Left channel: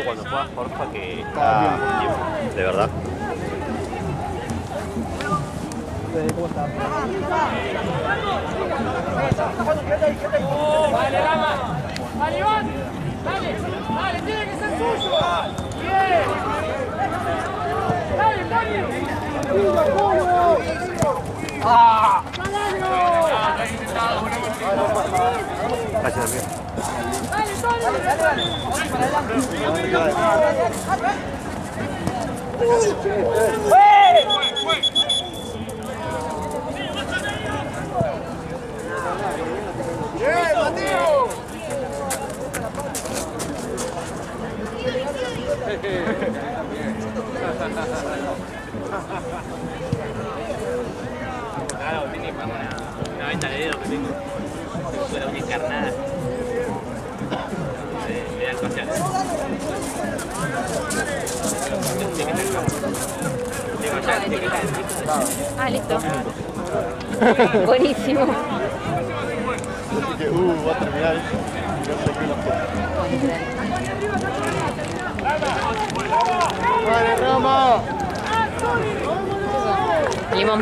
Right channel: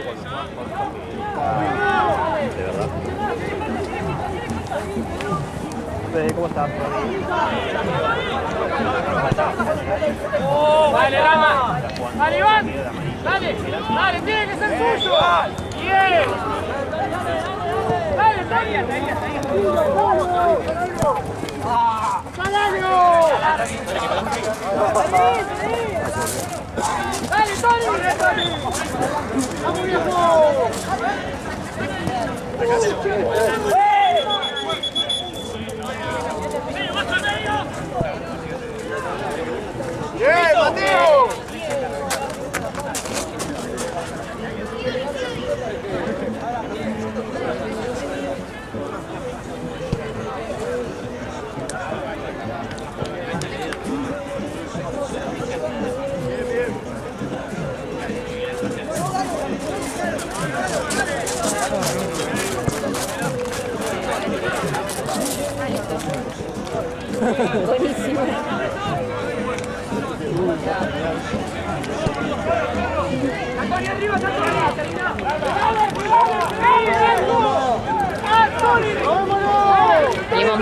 equipo cuando juega Jorge que está de verdad. ¿Cómo está? Dale, Rama. Dale, Iván. Dale, dale, tiene que ser tuyo. Bien. Dale, dale. ¡Ah! ¡Dale, ¡bien, Mateo! Ah, listo. Buenísimo. Va a terminar. Limón.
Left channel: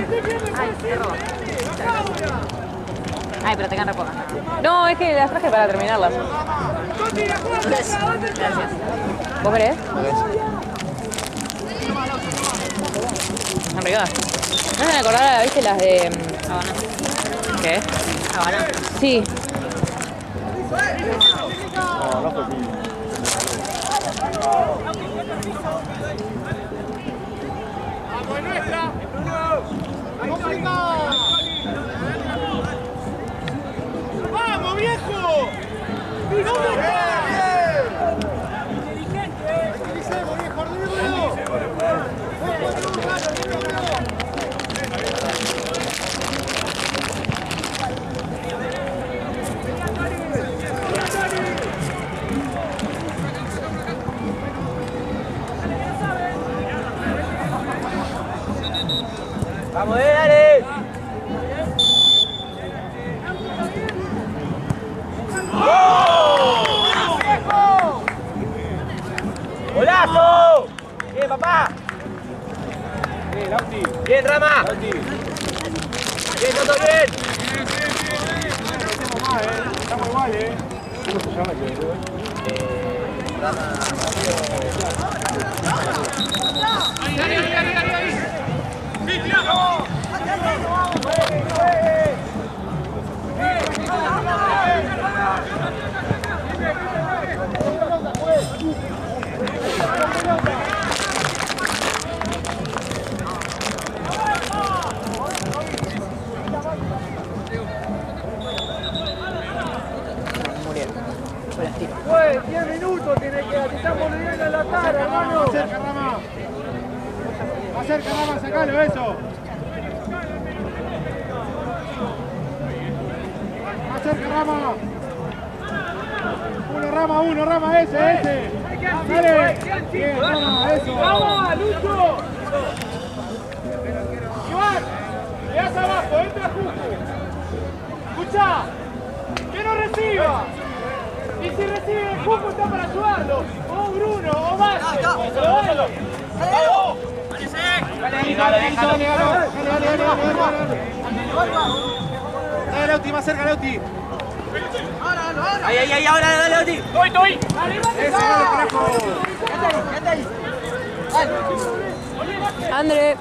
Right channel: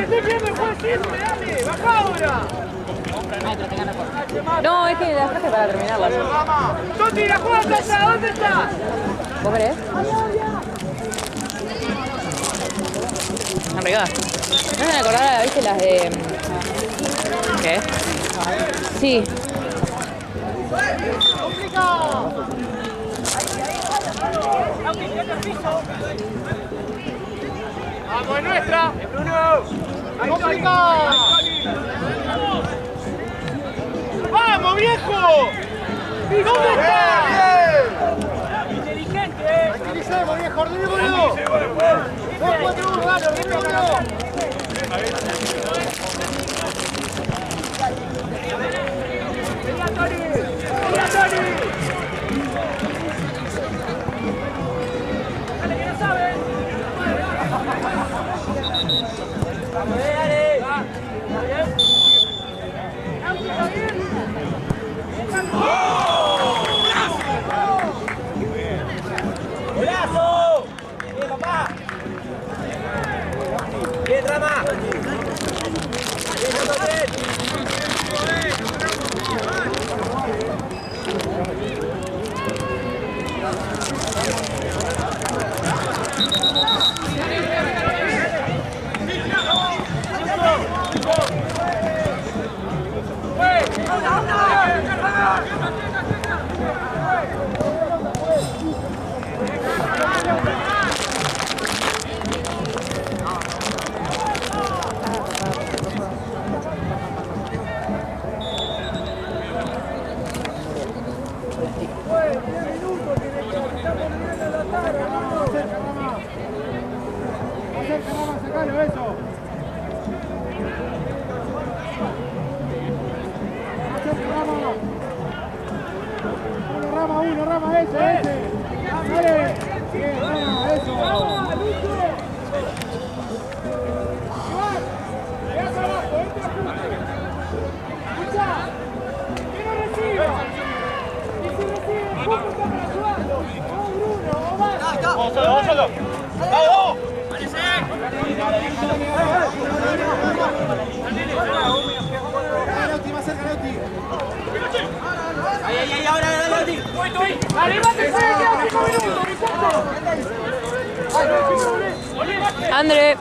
Ay, pero tengan reposo. No, es que las traje para terminarlas. ¿Vos querés? Están regadas. ¿No me acordar, viste, las de... ¿Qué? Sí. ¡Vamos, es nuestra! ¡Bruno! ¡Vamos, viejo! ¿Dónde está? Inteligente, Utilicemos, viejo, ordenémoslo. ¡Vamos, dale! ¡Golazo! ¡Bien, papá! ¡Bien, Rama! ¡Bien, todo bien! Estamos igual, Pues 10 minutos tiene que estamos nivel de la tarde, hermano. Acerca, Rama. Acerca, Rama, sacalo eso. Acerca, Rama. Uno, Rama, ese. Dale. Bien, Rama, eso. ¡Vamos, Lucho! Iván, le das abajo, entra justo. Escuchá, que no reciba. Y si recibe el Cuco está para ayudarlo. O Bruno, o más. ¡Bájalo! Dale, Lauti, más cerca, Lauti. Ahí, ahora, dale, Lauti. Estoy. André.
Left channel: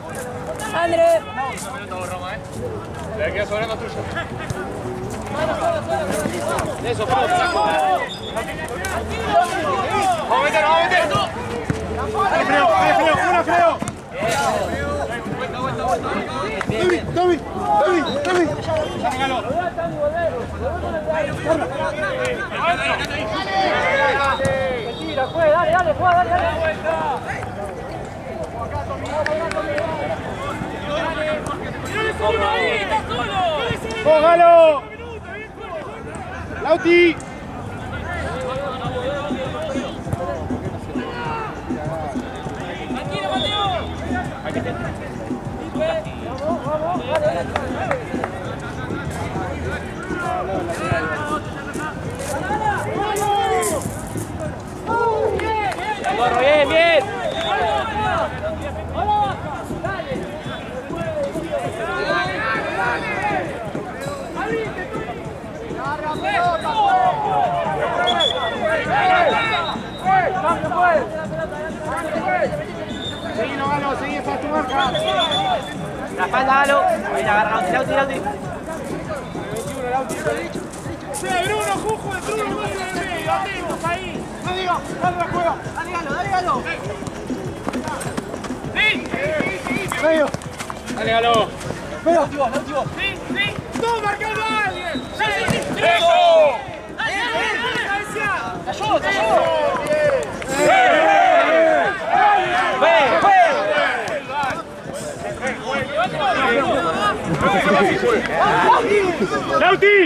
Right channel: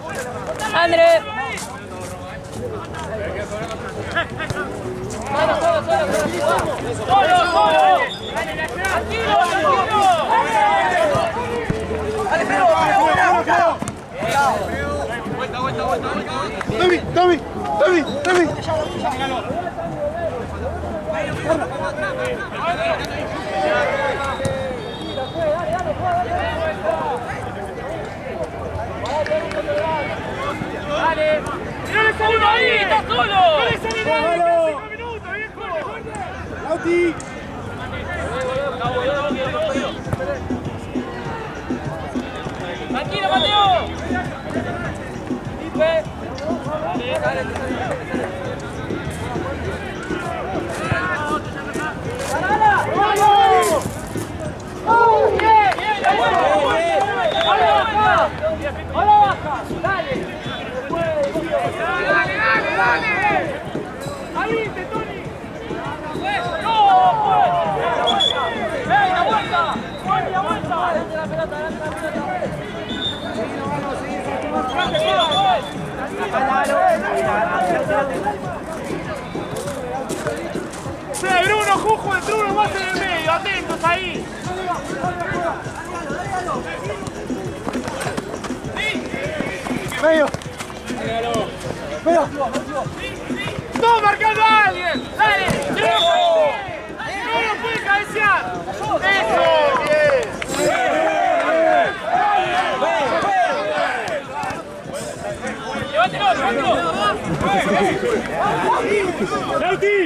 Eso, creo. Tommy. Ahí, está solo. ¡Póngalo! ¡Lauti! ¡Tranquilo, Mateo! ¡Vamos! Ahora baja, dale. Dale. Abrite, Tony. Seguí, para tu marca. La espalda, Galo. Sí, Bruno, Jujo, el Bruno más en el medio, atentos ahí. No digas, dale la juega. Dale, Galo. Sí. Medio. Dale, Galo. Medio. Sí. ¡Tú marcando a alguien! ¡Dale! ¡Trejo! ¡Dale, cabecear! ¡Eso! ¡Bien! ¡Lauti!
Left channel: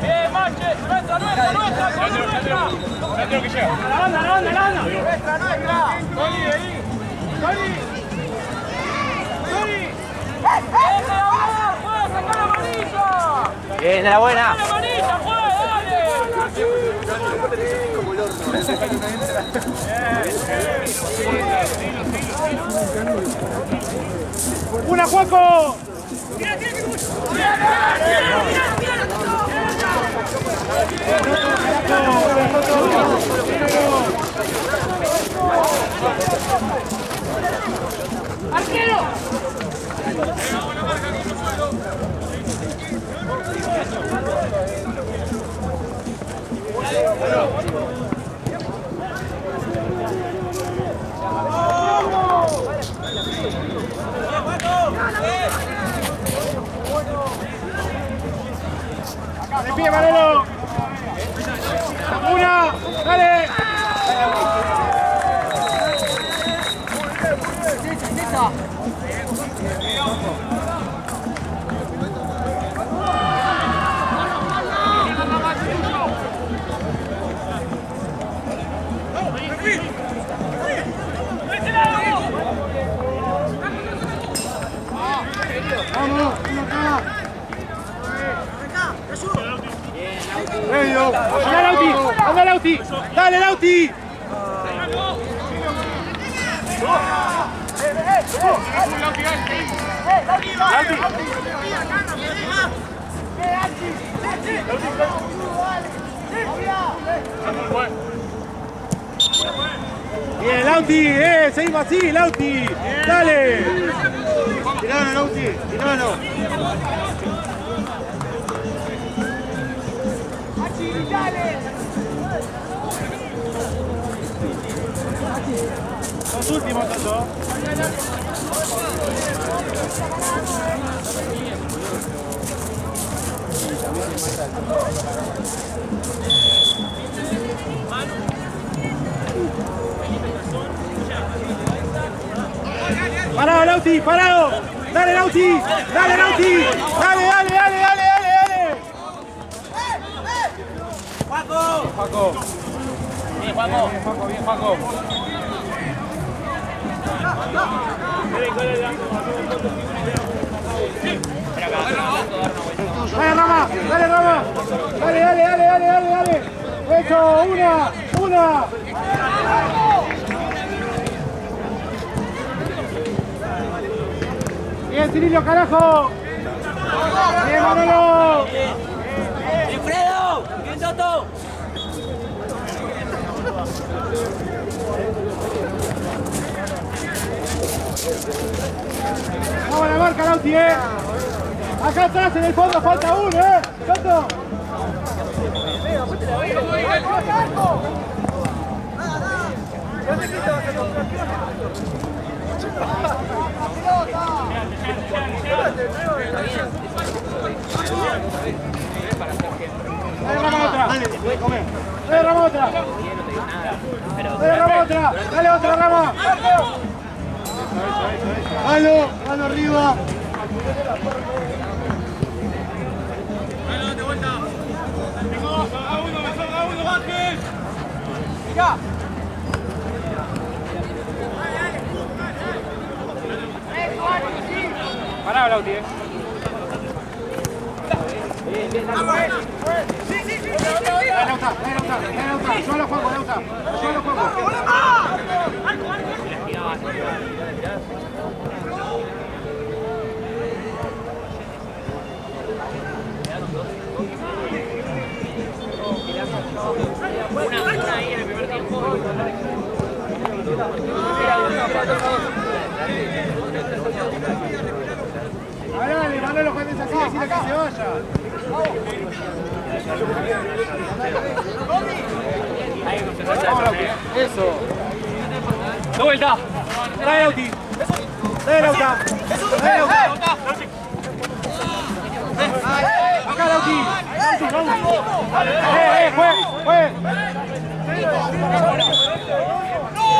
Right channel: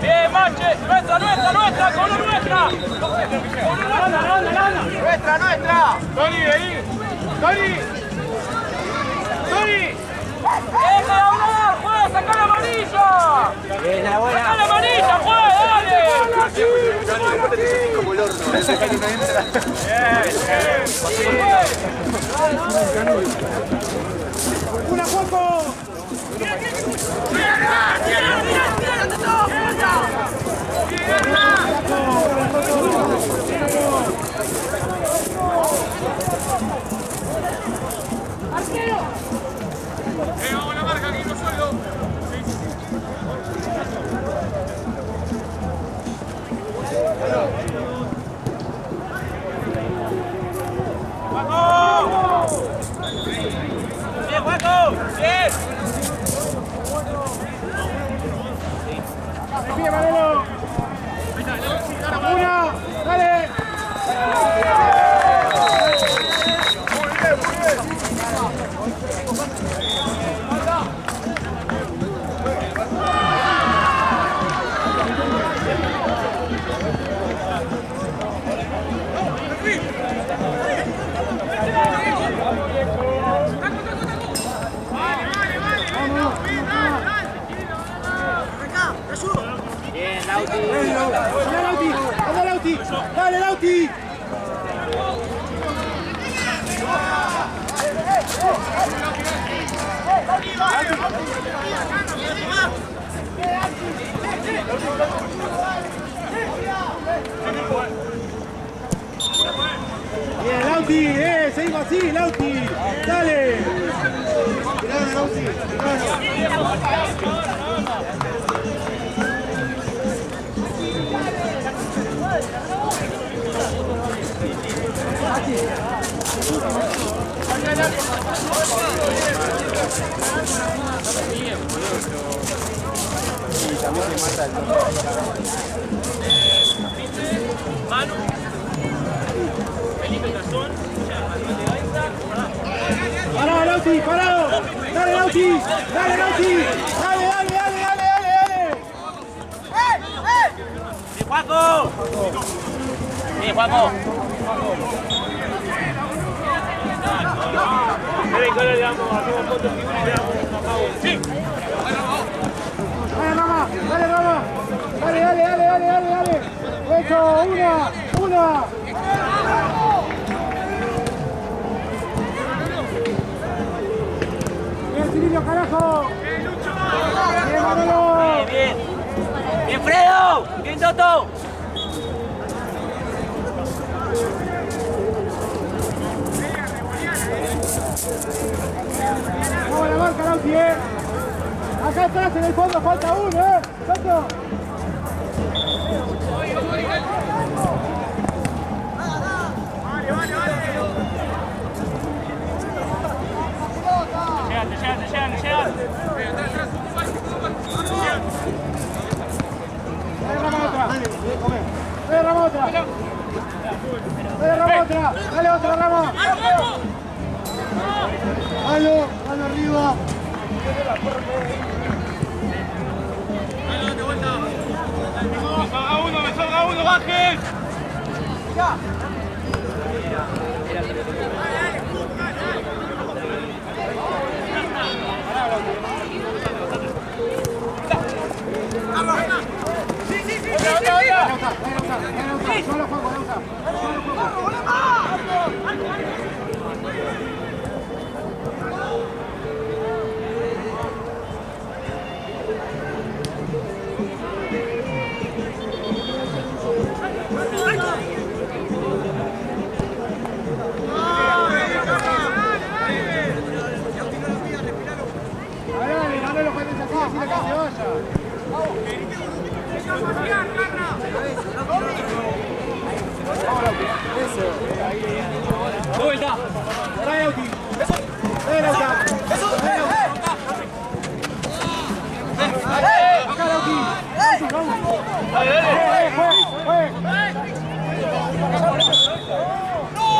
Bien, Mache, nuestra, con nuestra. La onda. Nuestra. Tony, ahí. Tony. ¡Deje de hablar! ¡Juega, saca la amarilla! Bien, la buena. ¡Saca la amarilla, juega, dale! ¡Una, Juaco! ¡Tira! ¡Arquero! ¡Vamos la marca aquí, no suelo! ¡De pie, Manolo! ¡Una! ¡Dale! ¡Anda, Lauti! ¡Dale, Lauti! Bien, Lauti, seguimos así, Lauti. Dale. Tirano, Lauti, tirano. Los últimos. ¡Parado, Lauti! ¡Parado! ¡Dale, Lauti! ¡Dale, Lauti! ¡Dale! ¡Juaco! Bien, Juaco. ¡Dale, Rama! ¡Dale! ¡Eso! ¡Una! ¡Bien, Cirilio, carajo! ¡Bien, Manolo! Bien, Fredo. Bien, Toto. Vamos a la marca, Lauti, Acá atrás, en el fondo, falta uno, Toto. Dale, otra, Rama. Halo arriba. cada uno bajen. Ya. Pará, Blauti. Sí, sí, sí. Solo juego, Lauta. Solo juego. Dale, los jueces así, decirle que se vaya. Eso. De vuelta. Trae Lauti. Trae Lauta. Trae Lauta. Acá Lauti. Juegue.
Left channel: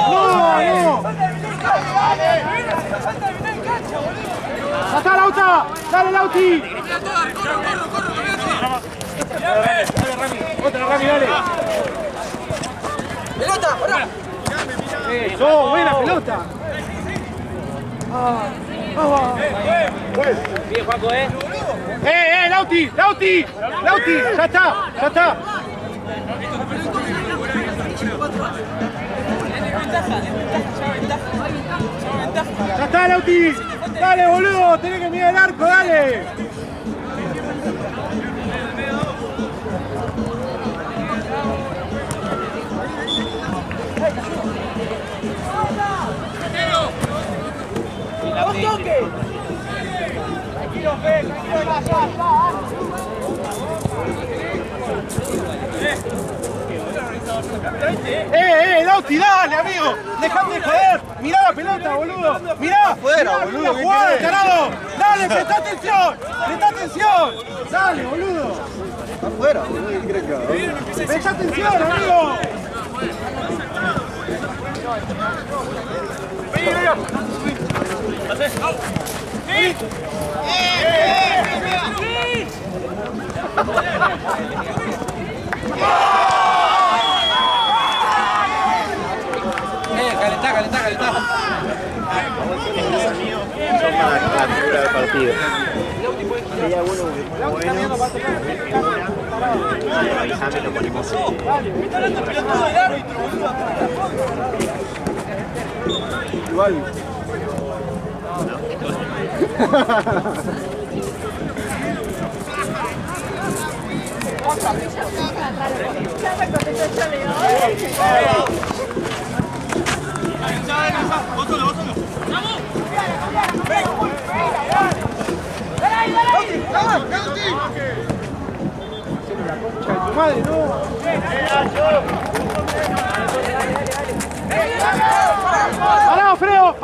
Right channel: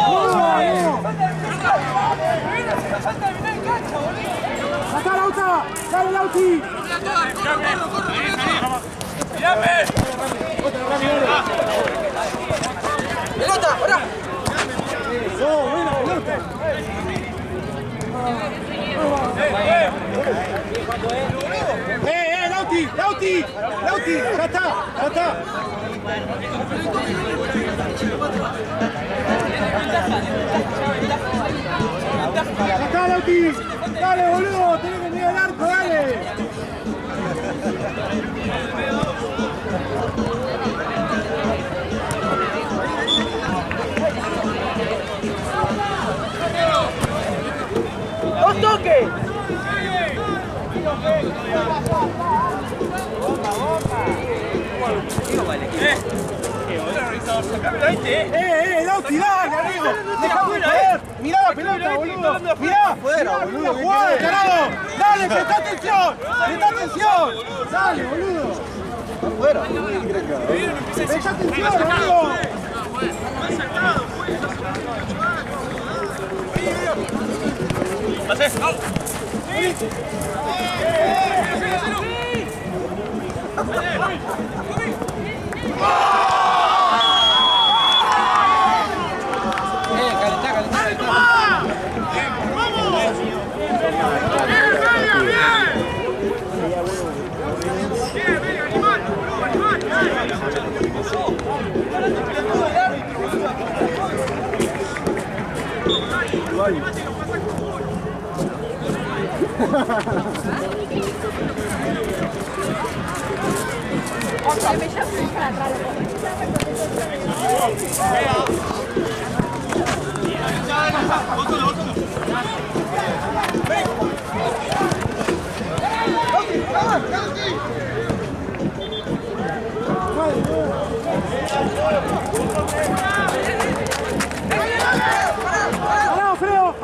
No. ¡Salta, Lauta! ¡Dale, Lauti! ¡Otra, Rami, dale! ¡Pelota! ¡Ahora! ¡Eso! ¡Buena pelota! Bien, Juaco, ¡Lauti! ¡Lauti! ¡Lauti! ¡Ya está! ¡Ya está, Lauti! ¡Dale, boludo! ¡Tenés que mirar el arco, dale! ¡Dos toques! Tranquilo, Fe, Lauti, dale, amigo! ¡Dejate de joder! ¡Mirá la pelota, boludo! ¡Mirá! Afuera, boludo, ¡La ¿qué jugada, querés? tarado! ¡Dale, presta atención! ¡Presta atención! ¡Dale, boludo! Afuera, boludo, ¿qué crees que haga? ¡Presta atención, amigo! ¡Parado, Freo!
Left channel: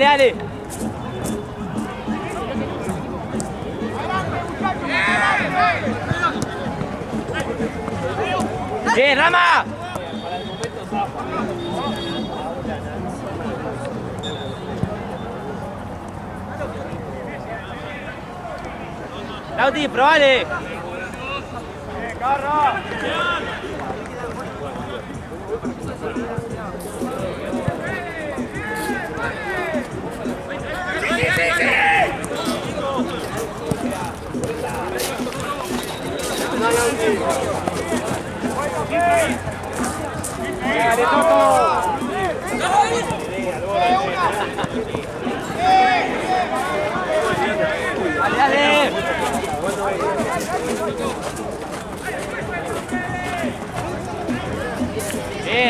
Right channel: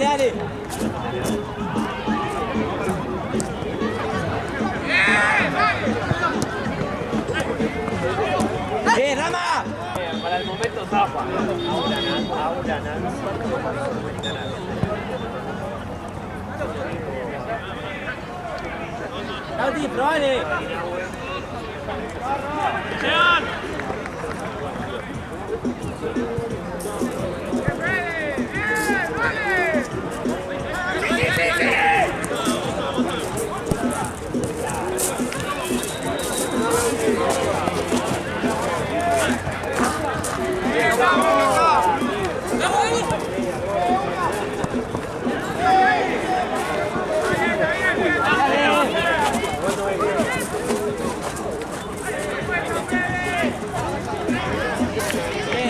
¡Bien, Dale. ¡Bien, Rama! Para el momento zafa. Lauti, probale.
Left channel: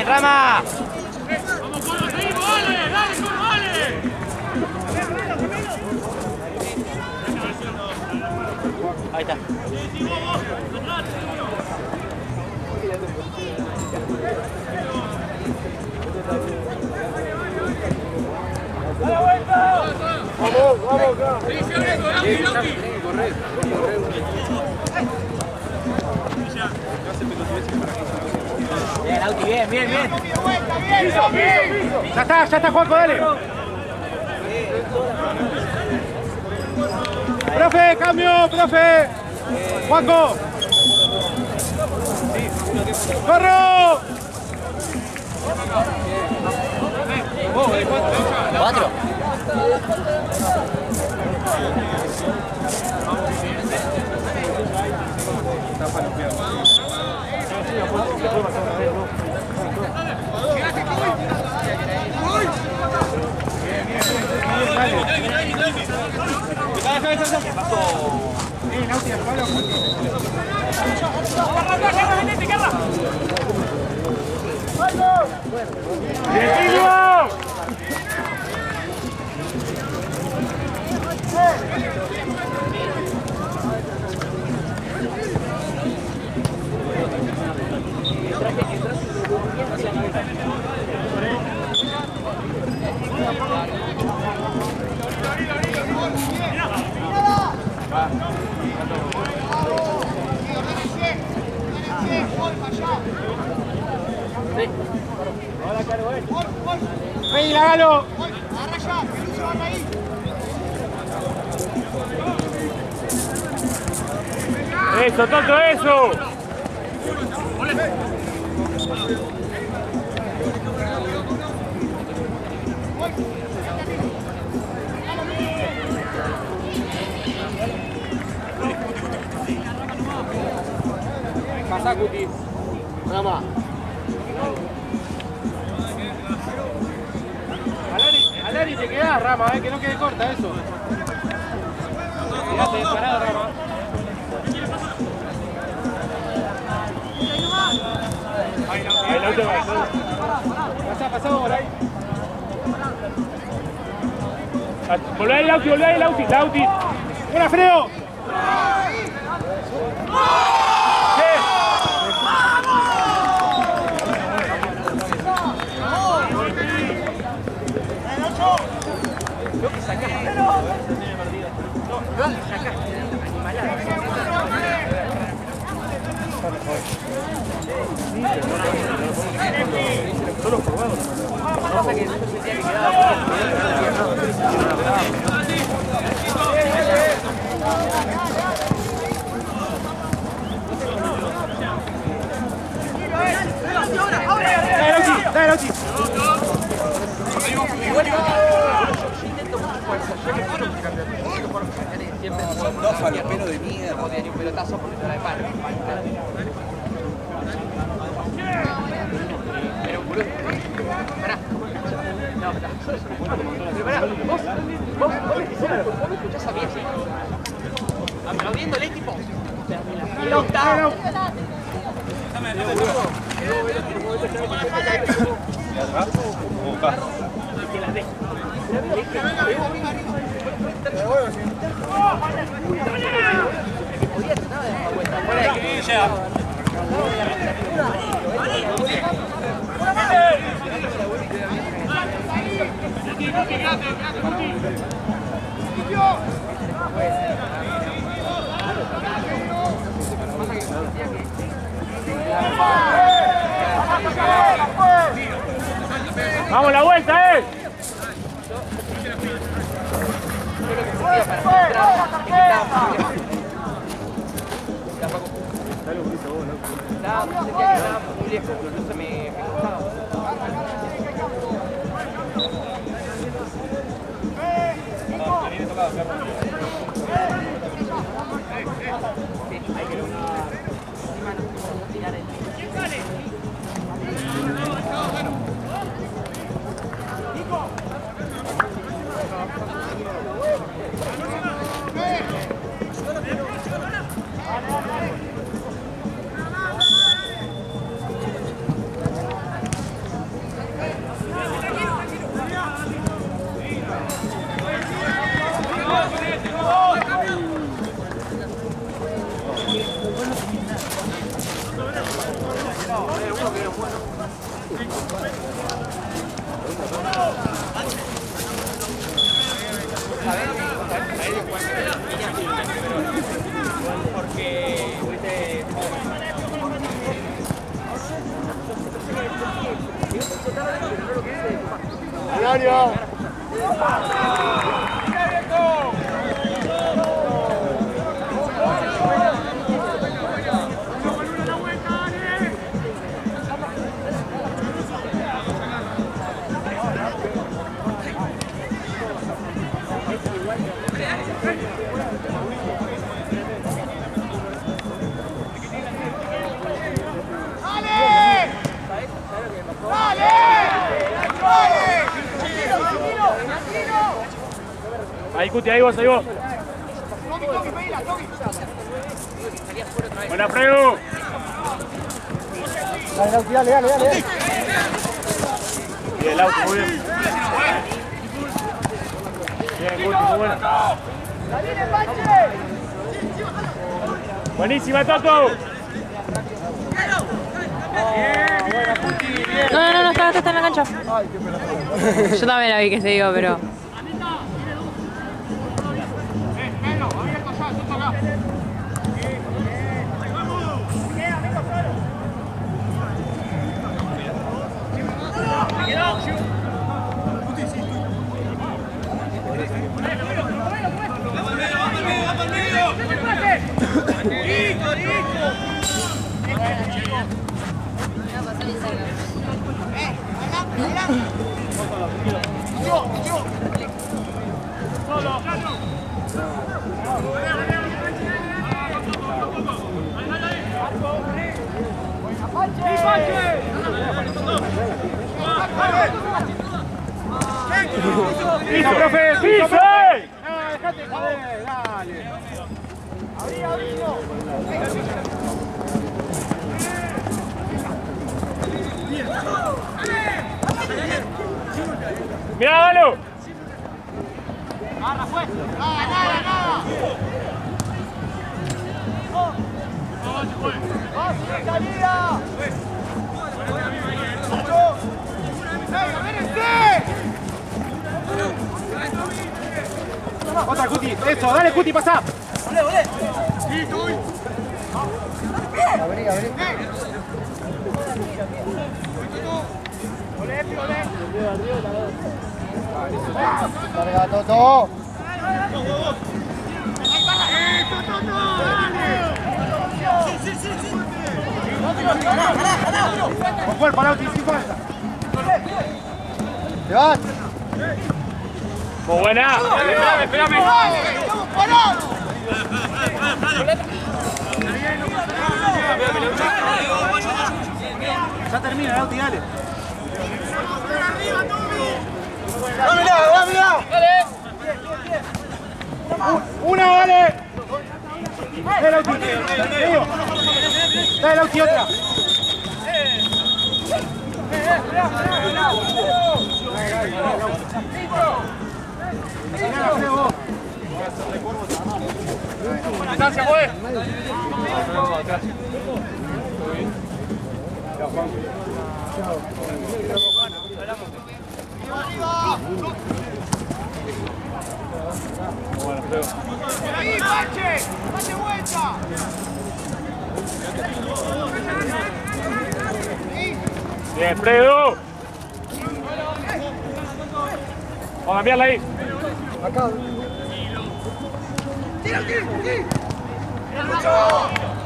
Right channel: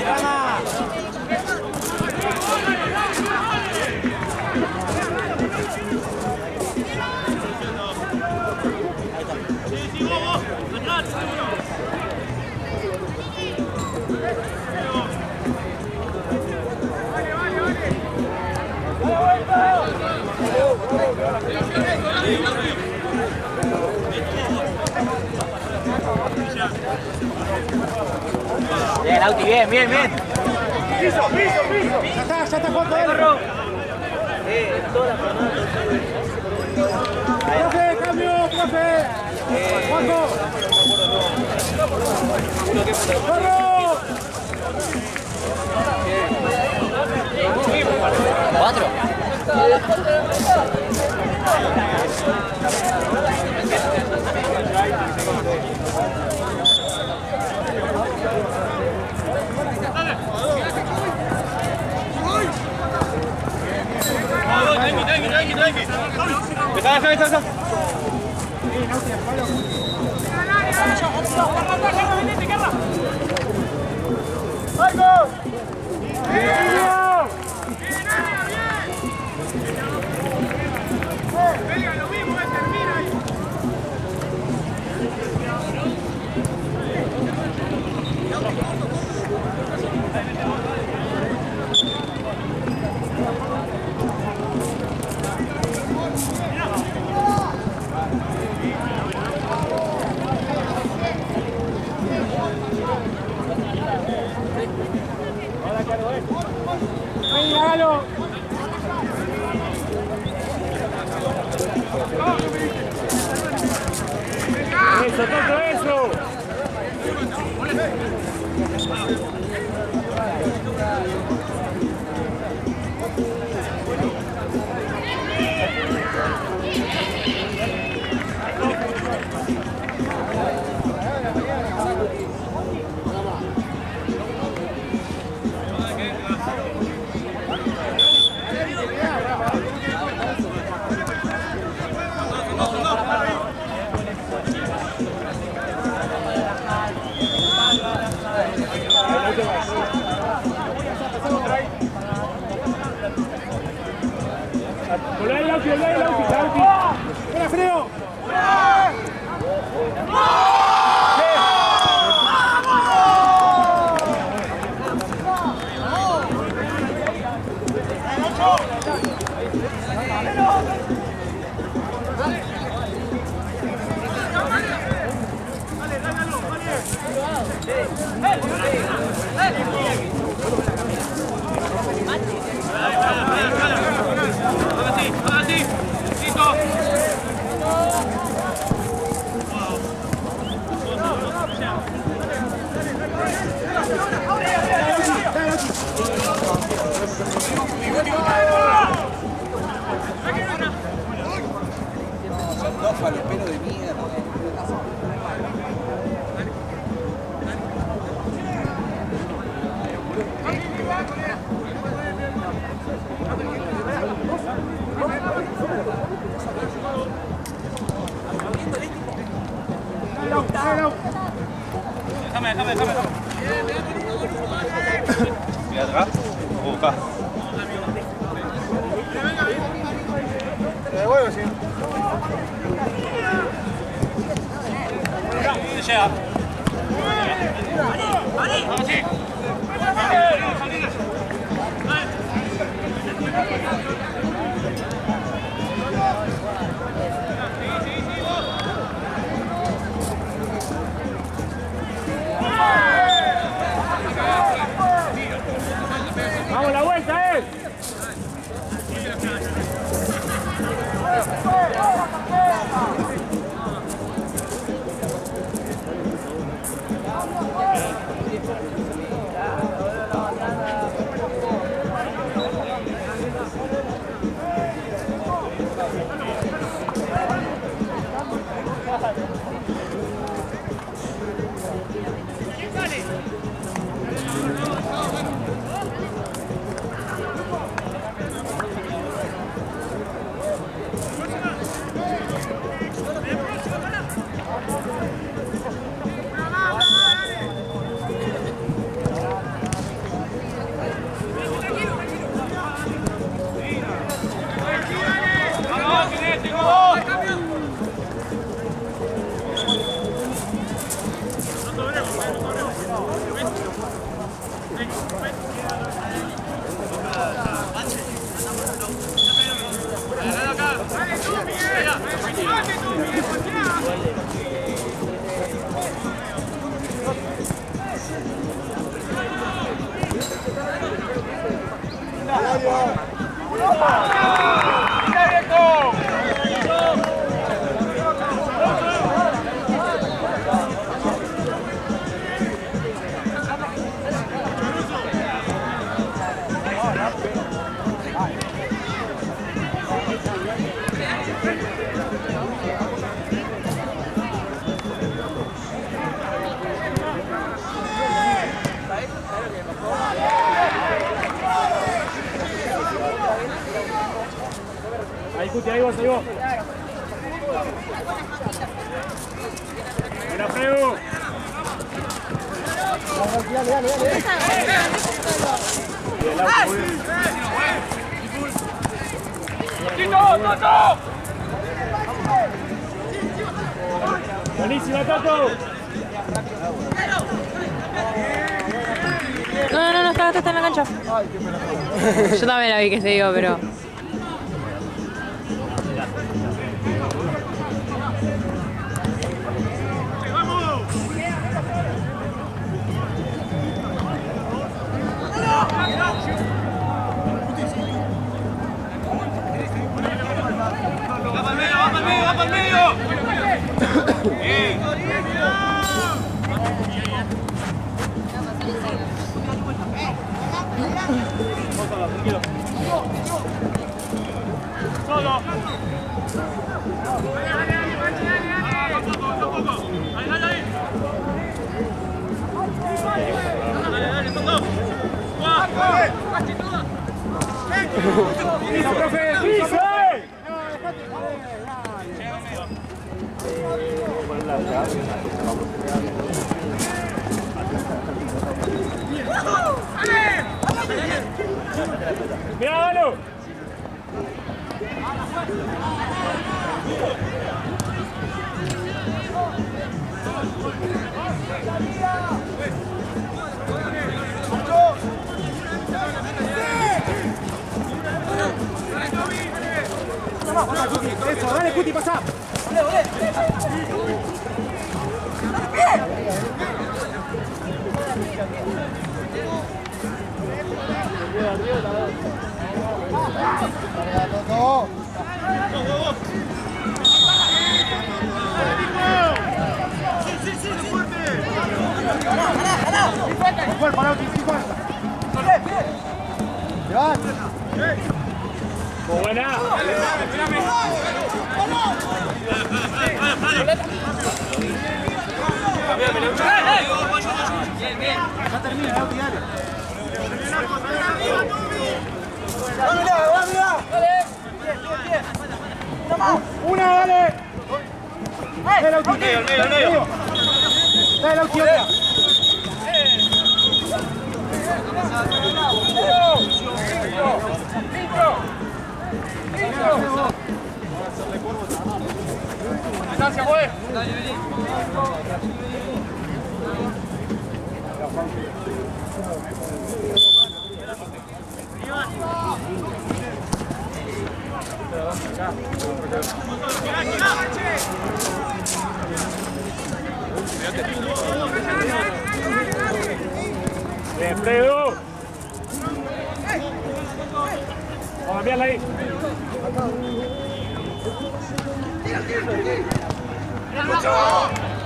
Bien, Rama. Ahí está. Bien, Lauti, bien, bien, bien. Piso, piso, piso. Ya está, Juanco, dale. Profe, cambio, profe. Juanco. ¡Corro! 4. Ven, hágalo. Eso, Toto, eso. Alari, te queda, Rama, que no quede corta eso. Pasamos por ahí. Volvé ahí, Lauti, Lauti. ¡Fuera, Freo! Dos faloperos de mierda. Aplaudiéndole, tipo. Busca. Llega. Vamos, la vuelta, Mario. Ahí, Cuti, ahí vos, ahí vos. Buena, Fredo. Dale. Bien, el auto, muy bien. Buenísima, Tato. No, está en la cancha. Yo también la vi que se iba, pero... ¡Piso, profe! ¡Piso! Dejate joder, dale. ¡Mirá, Galo! Otra, Cuti. Eso, dale, Cuti, pasá. Carga, Toto. Con cuerpo, Lauti, sin falta. Levante. ¡Muy buena! Ya termina, Lauti, dale. Una, dale. Dale, Lauti. Dale, Lauti, otra. ¡Distancia, pues! Bien, Fredo. Vamos a cambiarla ahí.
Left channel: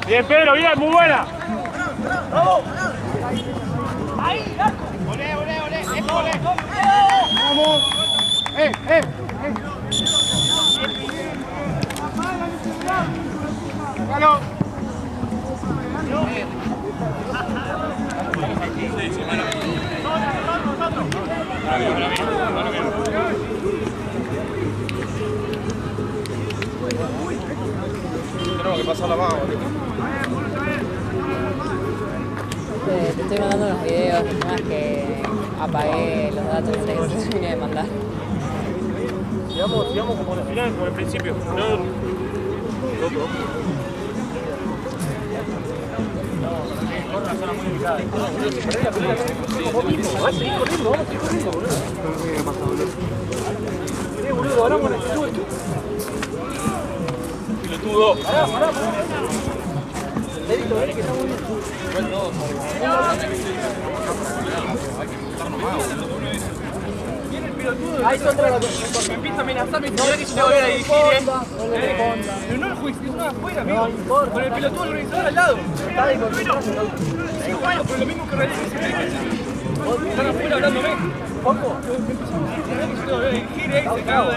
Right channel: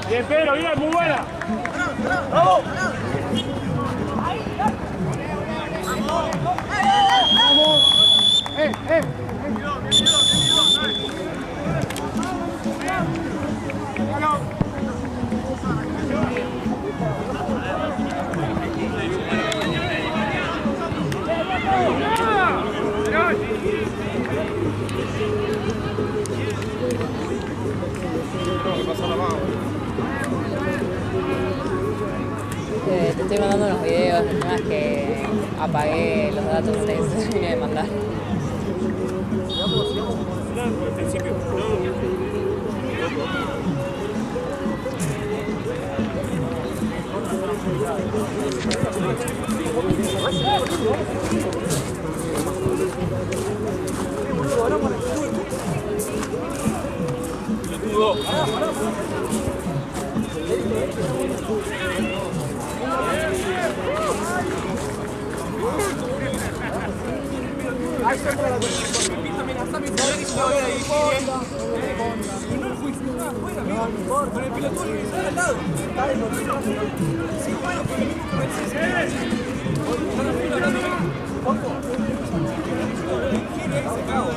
Bien, Pedro, bien, muy buena. ¡Vamos! ¡Galo! Tenemos que pasar la mano. Te estoy mandando unos videos, el tema es que apagué los datos antes que se termine de mandar. Sigamos como al final, como al principio. Ahí son todas las me empieza a amenazar, me dice que se va a ver ahí. Pero no el juicio, no afuera, amigo. Con el pelotudo organizador al lado. Sí, bueno, pero lo mismo que realiza ese pelotudo. Están afuera hablándome. ¿Cómo? Gire ahí, se cago.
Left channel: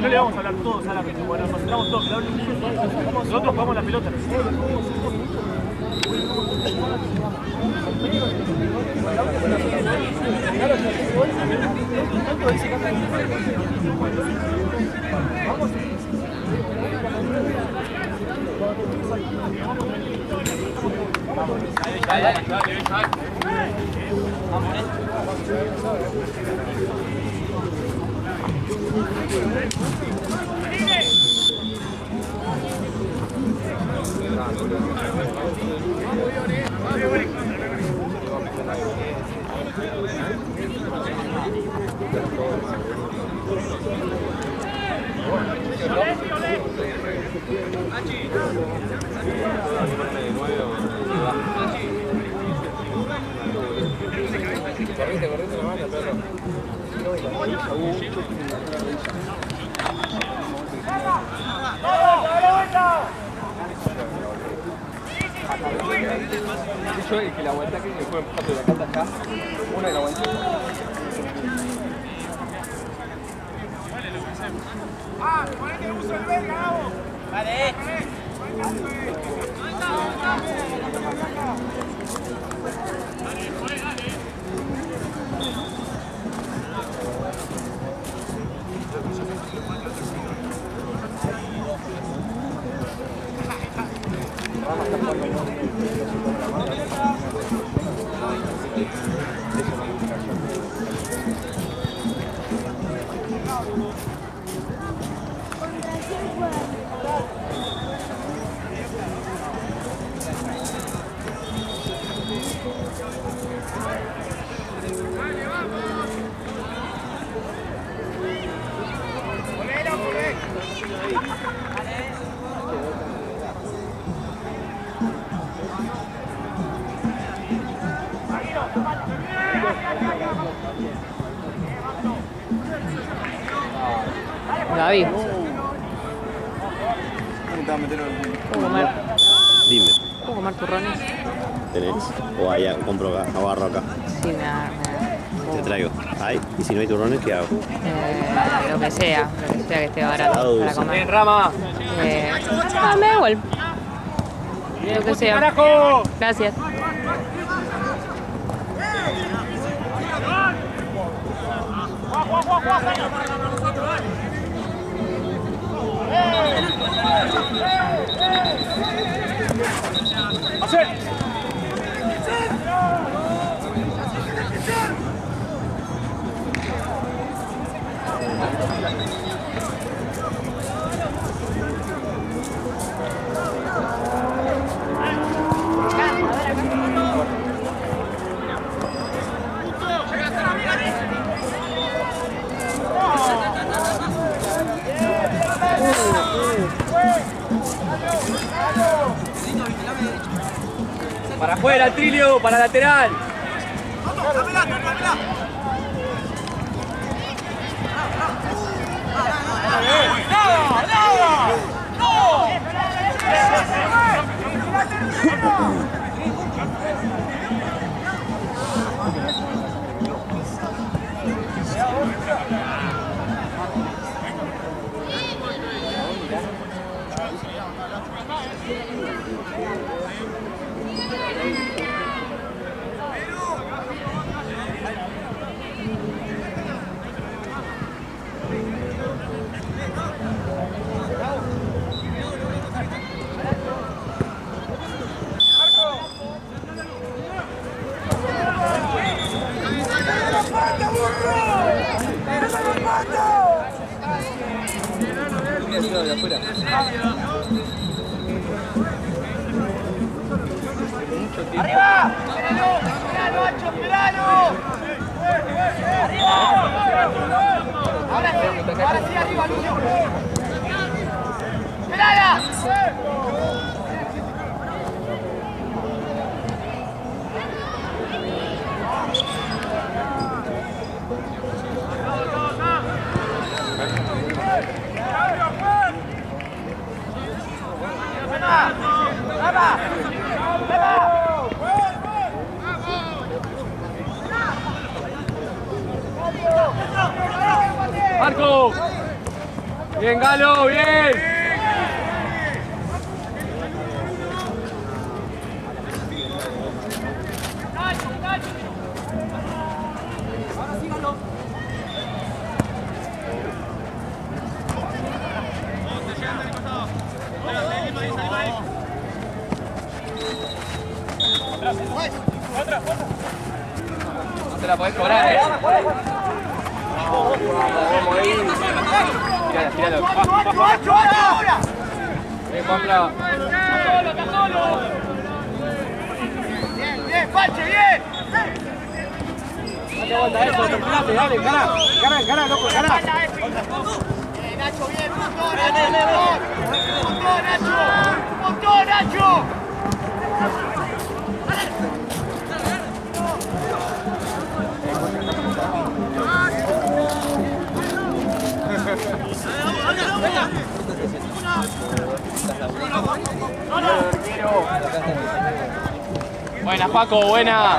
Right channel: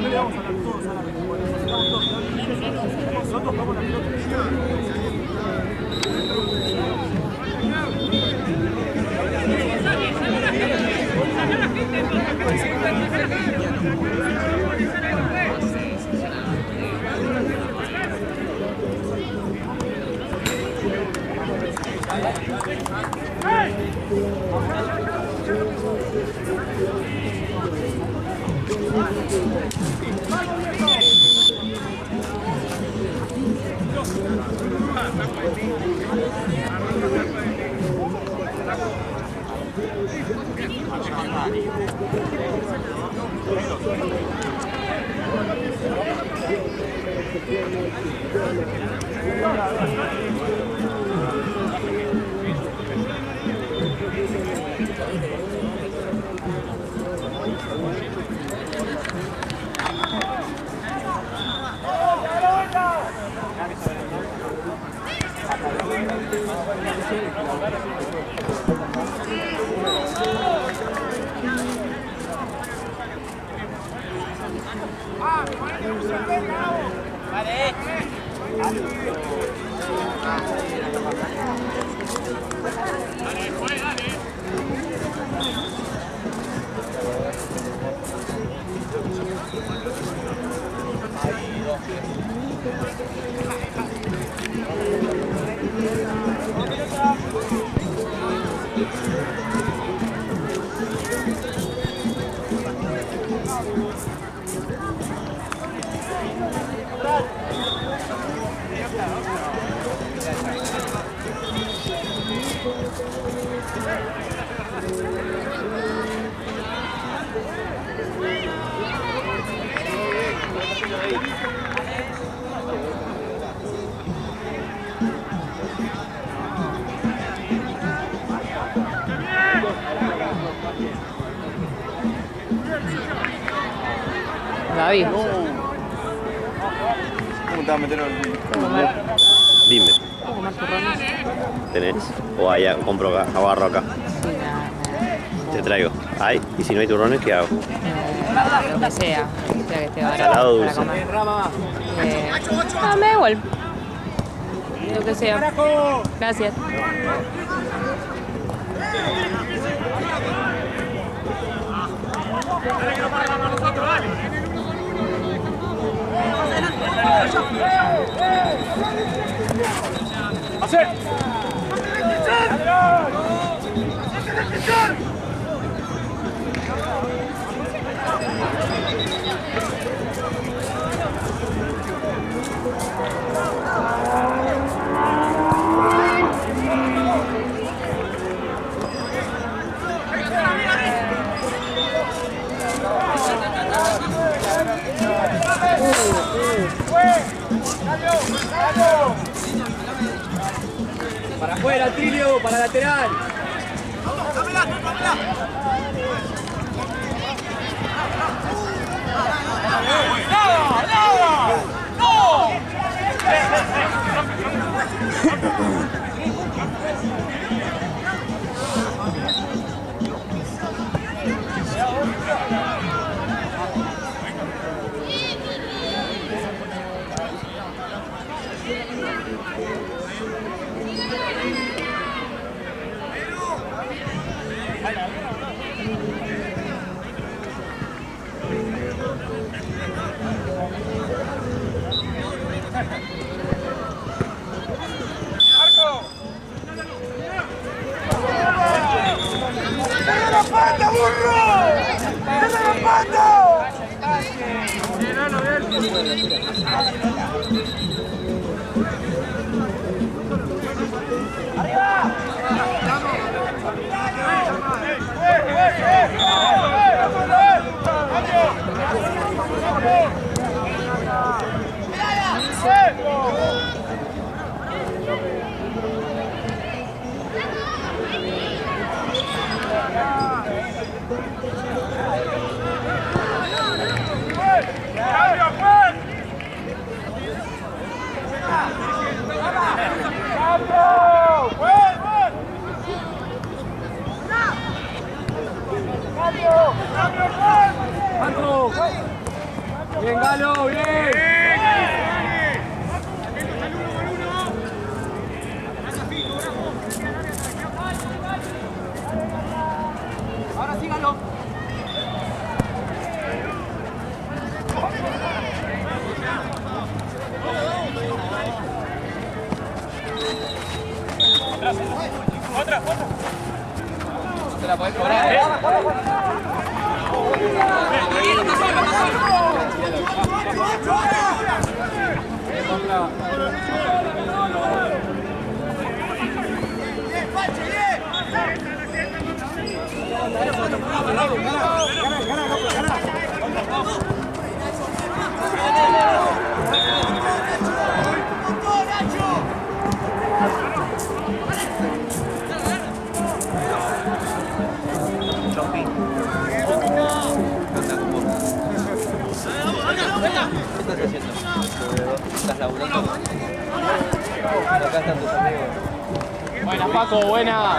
No le vamos a hablar todos a la vez, bueno, nos estamos todos, nosotros jugamos la pelota. Gaby. ¿Cómo te vas a meter ¿Puedo comer? Dime, ¿Puedo comer turrones? ¿tenés? O allá compro acá, agarro acá. Sí, me Te traigo. Ay, y si no hay turrones, ¿qué hago? lo que sea que esté barato Salado, para dulce. comer. Rama. Me da igual. Lo que sea. ¡Carajo! Gracias. ¡Hacer! Para afuera, Trilio, para lateral. Marco. Bien, Galo, bien. Ahora sí, Galo. Otra. No te la podés cobrar, Buena, Paco, buena.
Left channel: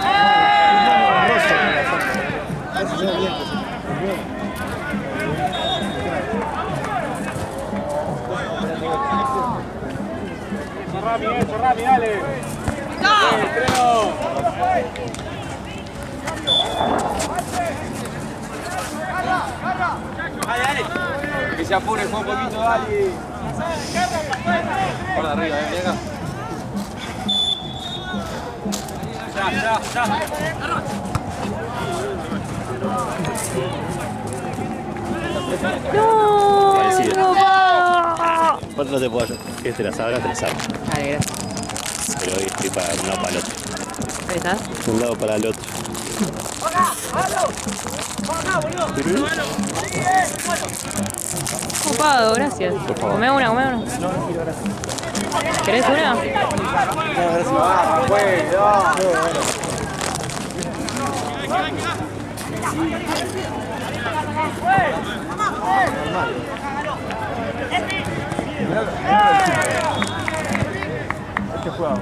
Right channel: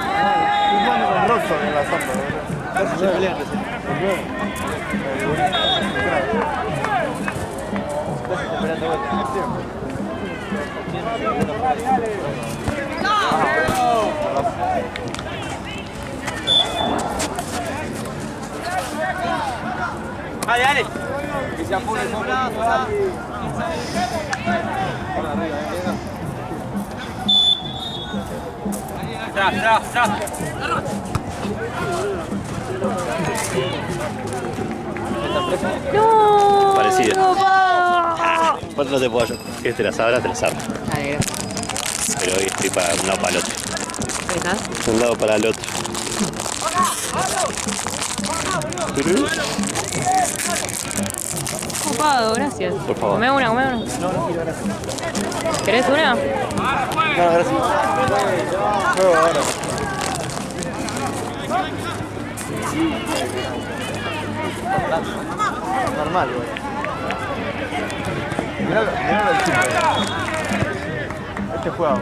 Corrali, dale. Dale. Que se apure un poquito, dale. Por arriba, venga. Ya. No, Parecido. no va. ¿Cuánto no te puedo ayudar? ¿Quieres te la sabra? Te la sabra. Dale, gracias. Pero hoy estoy para un lado para el otro. ¿Ahí estás? Un lado para el otro. Ocupado, gracias. Por favor. Come una. No quiero, gracias. ¿Querés una? No, gracias. Normal, Mirá el chico. Este juega.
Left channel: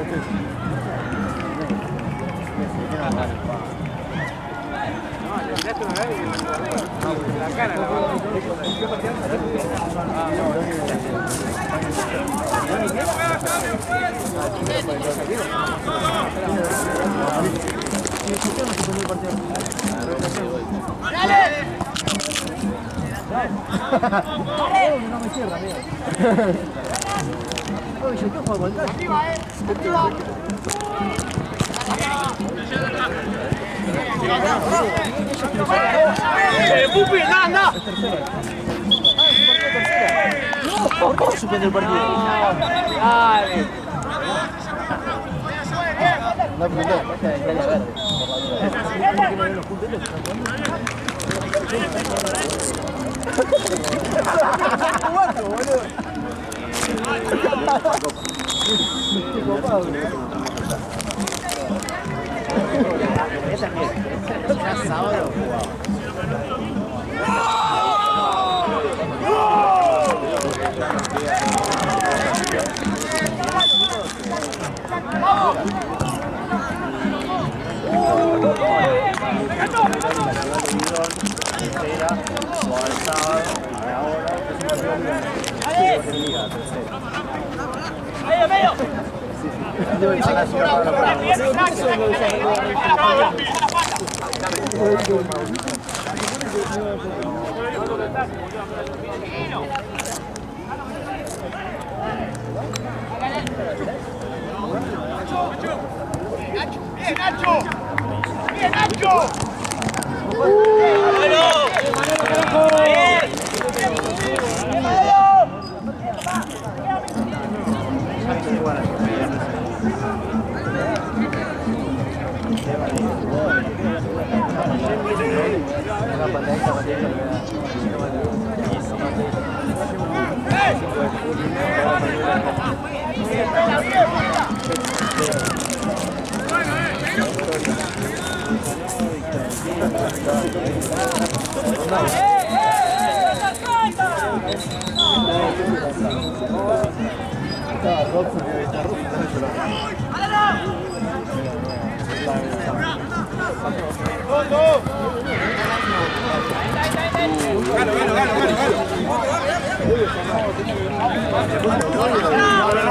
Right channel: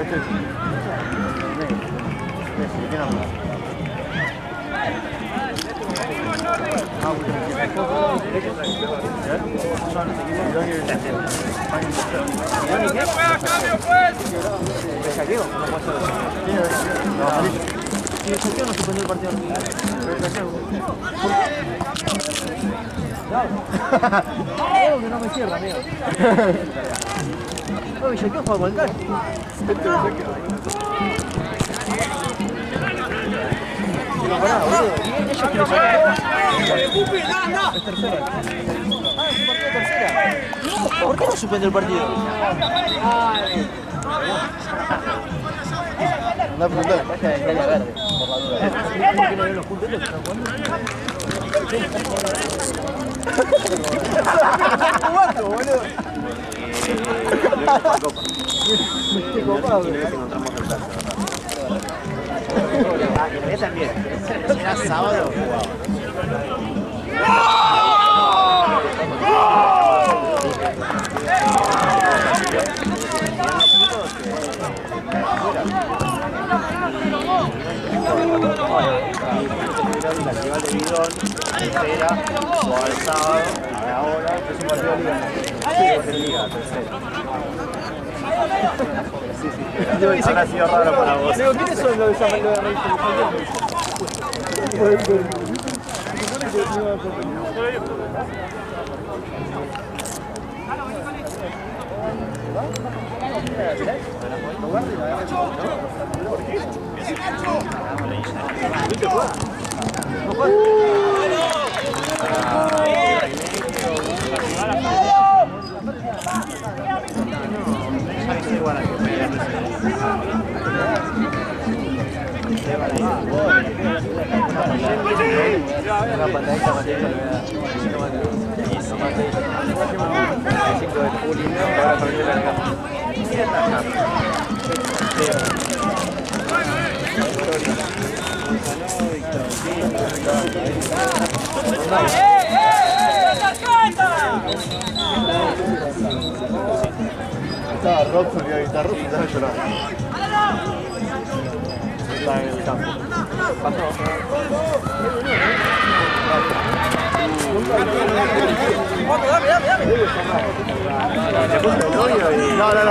Este es. No me cierra, amigo. Oye, yo quiero jugar con el calle. ¡Pupi, no! Es tercera. Ah, es un partido de tercera. No, ¿por qué no suspende el partido? Dale. No, preguntar. Verde, por la duda. ¿Por qué no ven los puntos que están jugando? Jugando, boludo. También. Será sábado.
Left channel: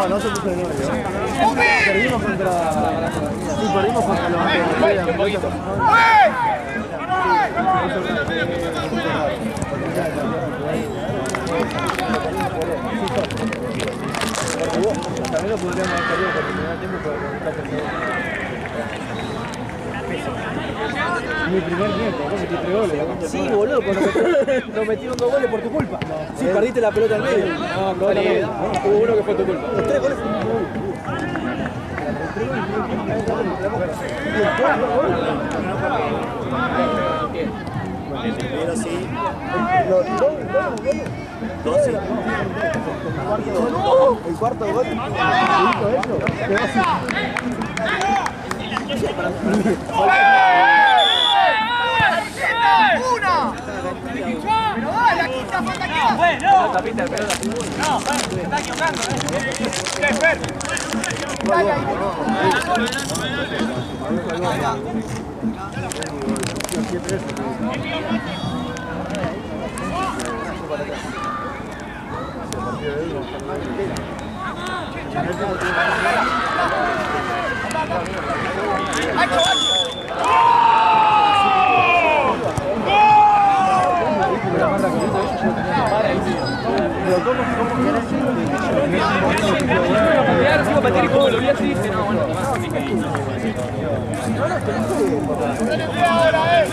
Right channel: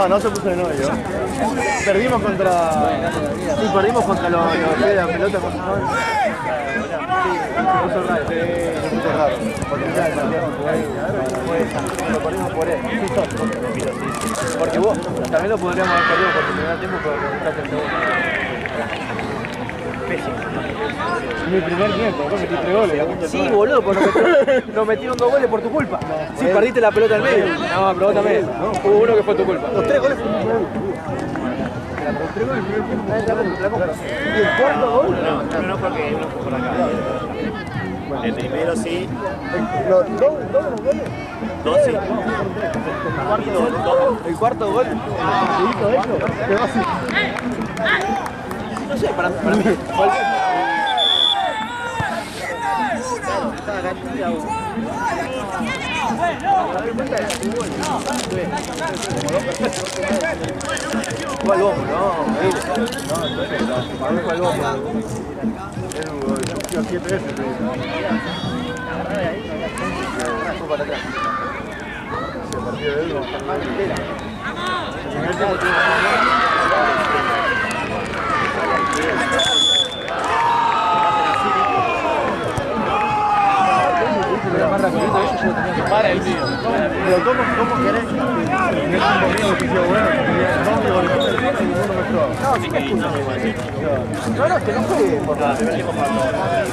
No se puso de novio. Perdimos contra los de la pelota. Porque vos también lo podríamos haber perdido por terminar el tiempo para buscar el segundo. Mi primer tiempo, vos metí 3 goles. Sí, boludo, nos metieron 2 goles por tu culpa. Sí, perdiste la pelota en medio. No, pelota en medio. Hubo uno que fue tu culpa. Los 3 goles fueron tu culpa. ¿Y el cuarto gol? No, porque... El primero sí. ¿Dos goles? 12. El cuarto gol. Quedó así. No sé, para mí. Pero ¿cómo querés?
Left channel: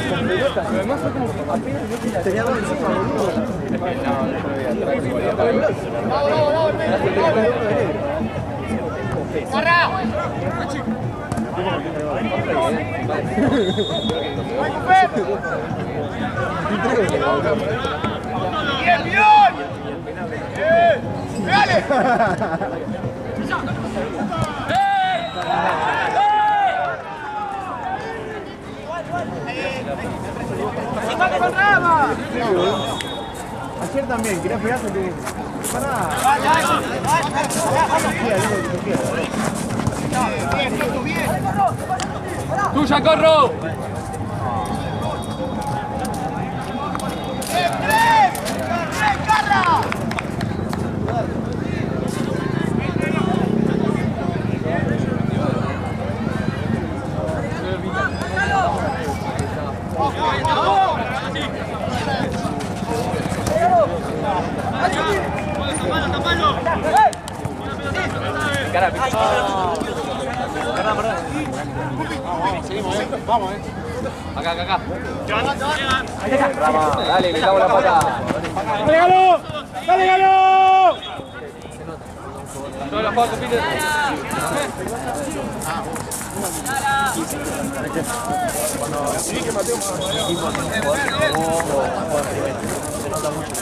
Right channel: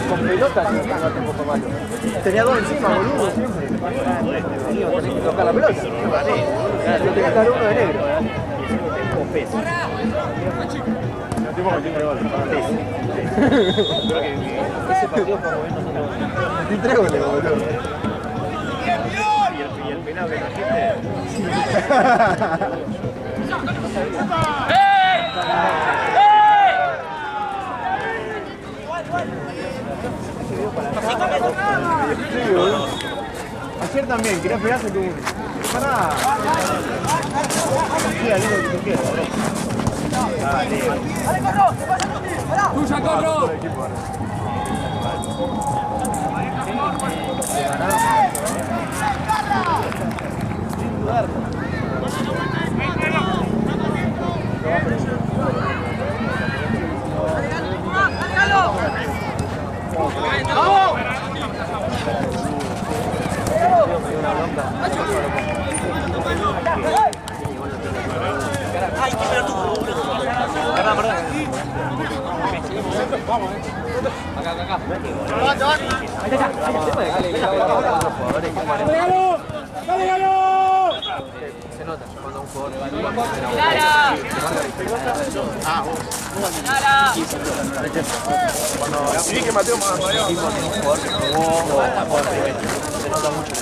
Con pelotas, tenía 2 encima, boludo. Toca la pelota. Tenía que sacar uno de negro. Y 3 goles, boludo. ¡Bien, bien! Ayer también, quería pegarse que... Pará. ¡Tuya, Corro! Vamos, Acá. Dale, le damos la patada. ¡Dale, Galo! ¡Dale, Galo! Se nota cuando un jugador... Todas las fotos, Cuando sí que Mateo más se nota mucho.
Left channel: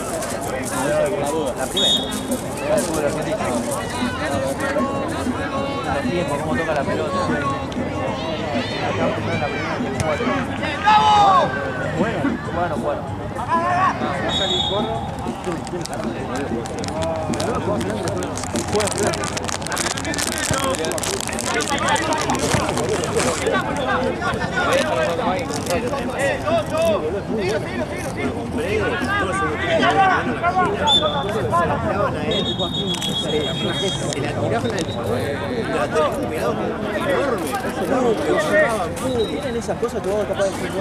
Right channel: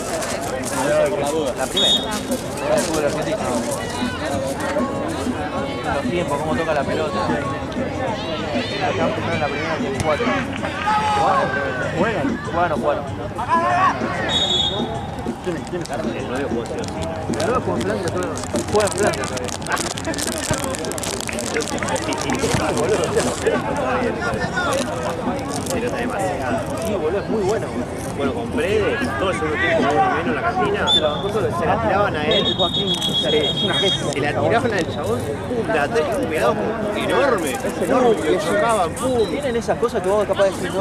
La primera. los tiempos, cómo toca la pelota. Acá primero en la primera y el 4. Bueno. Muy bueno. Bueno, compré todo ese en la cocina, se la tiraban a él, se la tiraban al chabón, la tenía un pegado enorme, lo cerraban, pum. Tienen esas cosas que vos capaz de decir, no,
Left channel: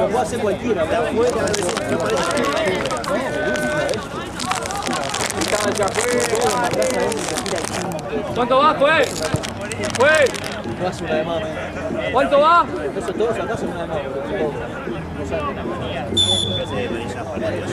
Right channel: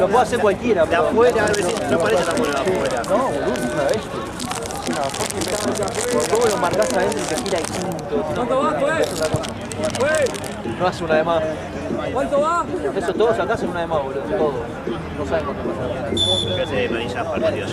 lo puede hacer cualquiera, pero Afuera, no parece no, todo lo marcás adentro y te tira el 5. ¿Cuánto va, pues? No hace una de más. ¿Cuánto va? Eso todos acá hacen una de más, boludo. Todo. No saben cuánto. que hace de manilla para Dios.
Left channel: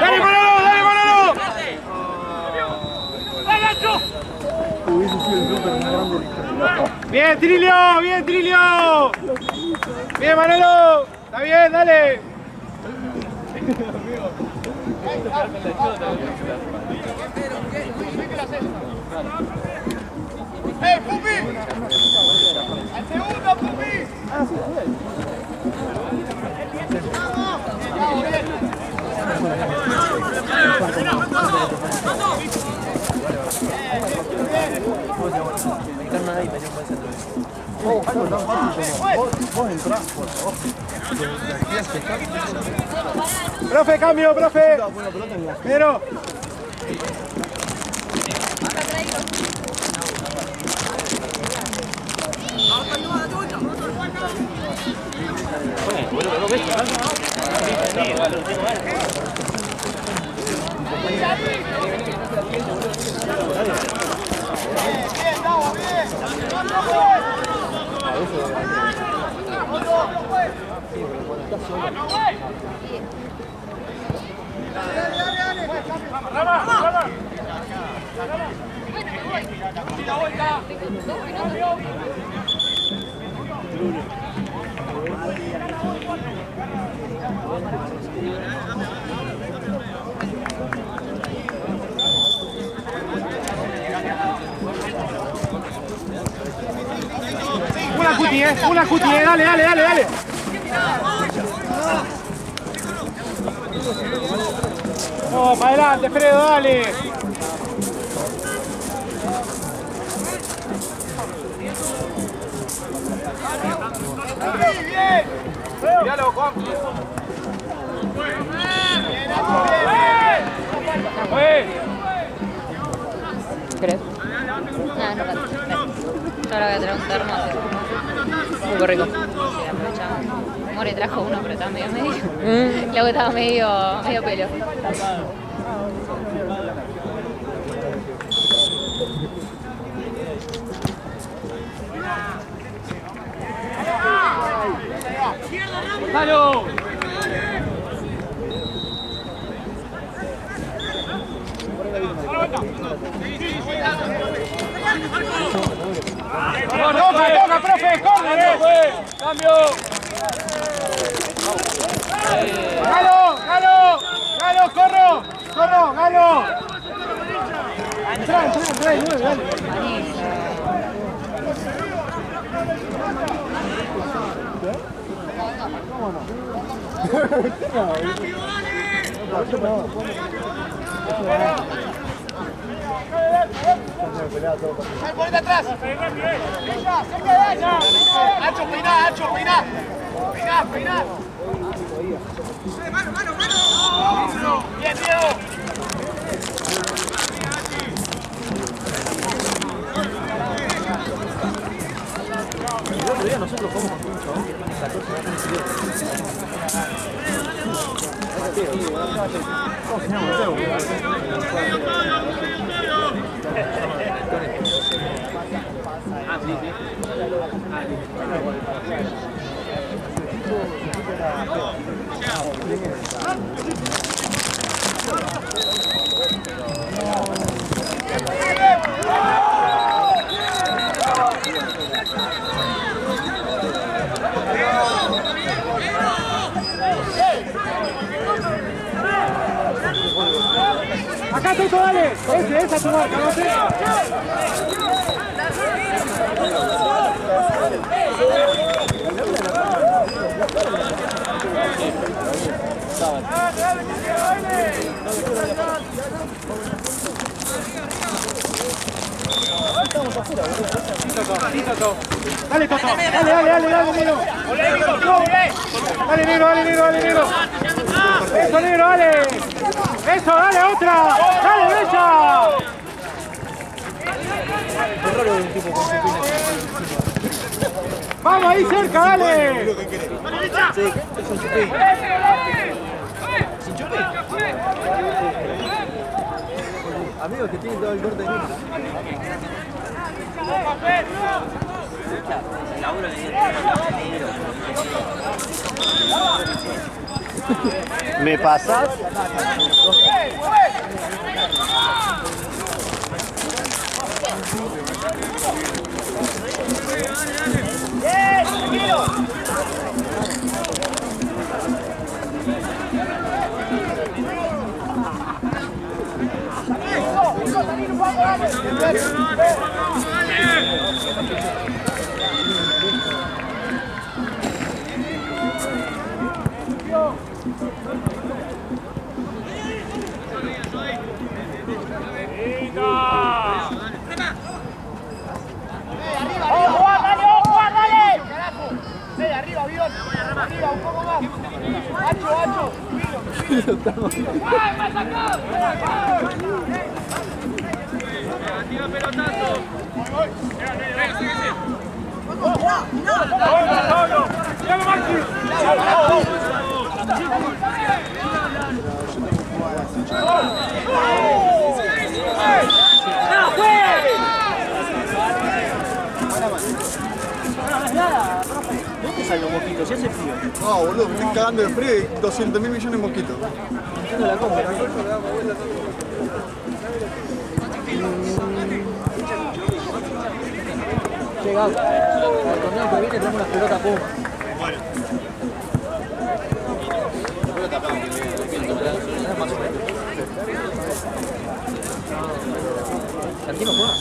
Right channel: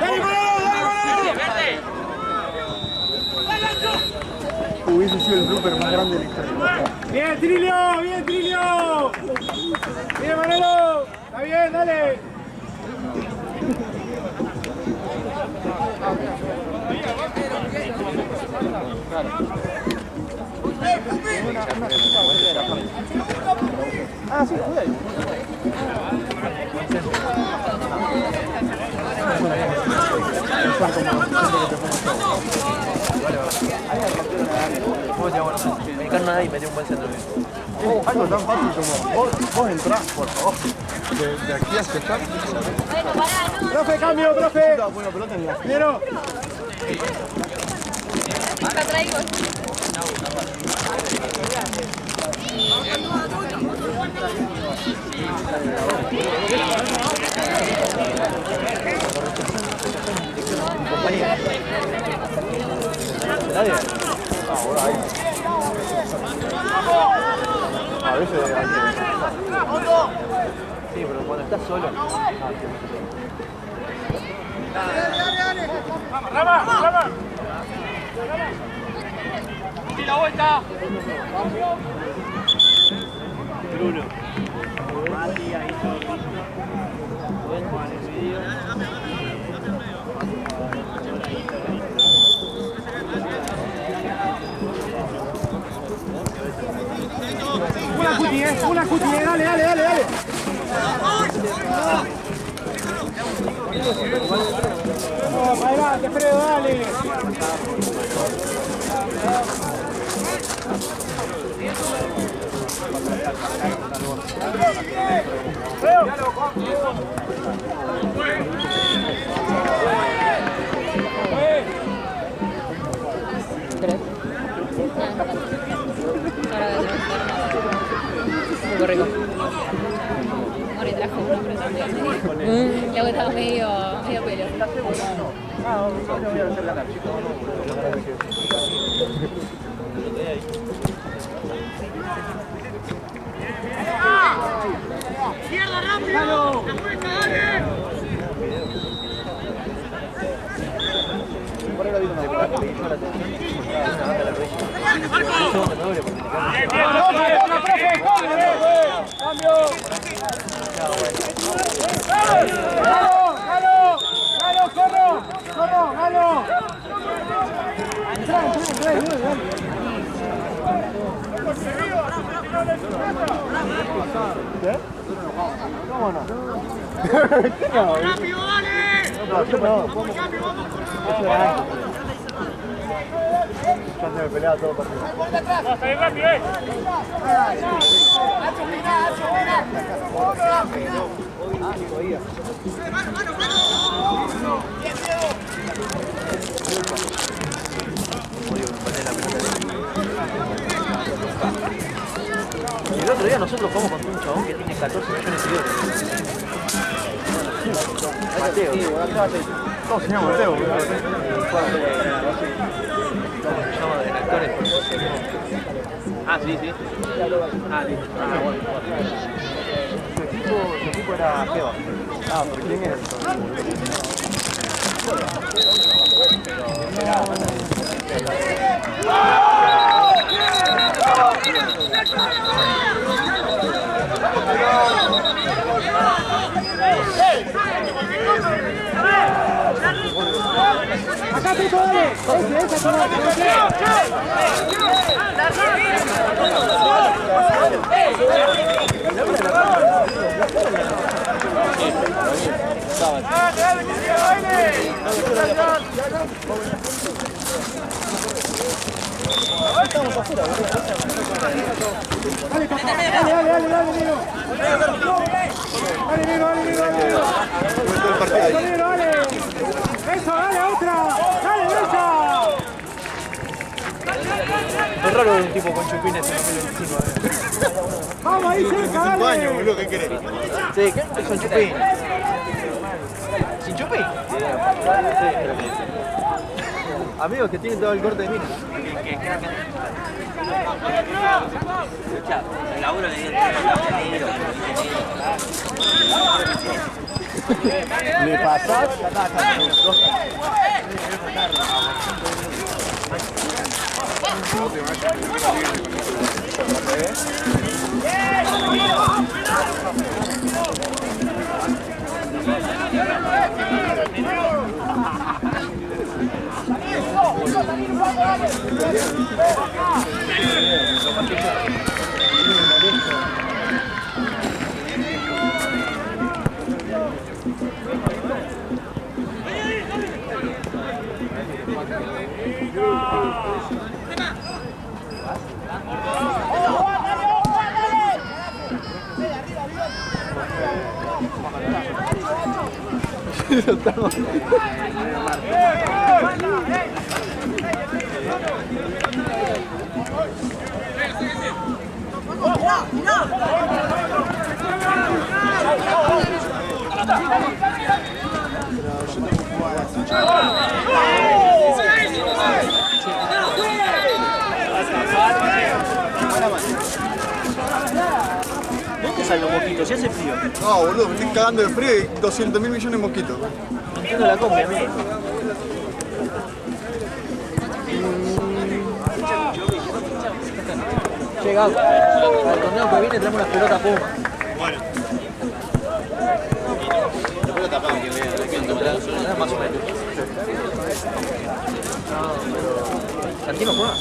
¡Dale, Manolo! Hubiese sido el blooper más grande de la historia. ¡Bien, Trilio! ¡Bien, Manolo! ¡Está bien, dale! Ah, sí, joder. Me encarna ahí, me dio un buen centro. Algo tan fácil como vos entrás, por favor. De aquí hasta acá. ¡Profe, cambio, profe! Buena pelota en la ¡Pero! A veces sí, pero cuando estás solo. ¡Rama! ¡Y la vuelta! Una cuti, dale. No, para adelante, Fredo, dale. Míralo, Juan. ¿Crees? Nada, no tanto. Ahora voy a tener un termo. Un poco rico. Mori trajo uno, pero estaba medio. Luego estaba medio pelo. ¡Dalo! ¡Toca, profe! ¡Corre! ¡Cambio! ¡Galo! ¡Corro! ¡Galo! Entra, ¿Cómo no? ¡Rápido, dale! ¡Ponete atrás! ¡Hacho, peiná! ¡Mano! ¡Bien, Diego! El otro día nosotros jugamos contra un chabón que tiene 14 millones de euros. ¿Cómo se llama? Mateo. Ah, sí. Su equipo era feo. ¿Quién era? Tuto, dale. Esa es tu marca, no sé. Dale, Toto. Dale, Nino. Dale, Nino. Eso, Nino, dale. Eso, dale, otra. Dale, bella. Es raro un tipo con chupines. Vamos ahí cerca, dale. ¿Qué querés? Sí, es un chupín. ¿Sin chupín? Amigos que tienen todo el corte de mí. ¿Me pasas? ¿Dónde salen los mosquitos? Si hace frío. No, boludo, me estoy cagando de frío y 200.000 millones de mosquitos. No entiendo la compra, ¿no? Llegado. Al torneo que viene tenemos unas pelotas Puma. Bueno. Más o menos. ¿Santino juega?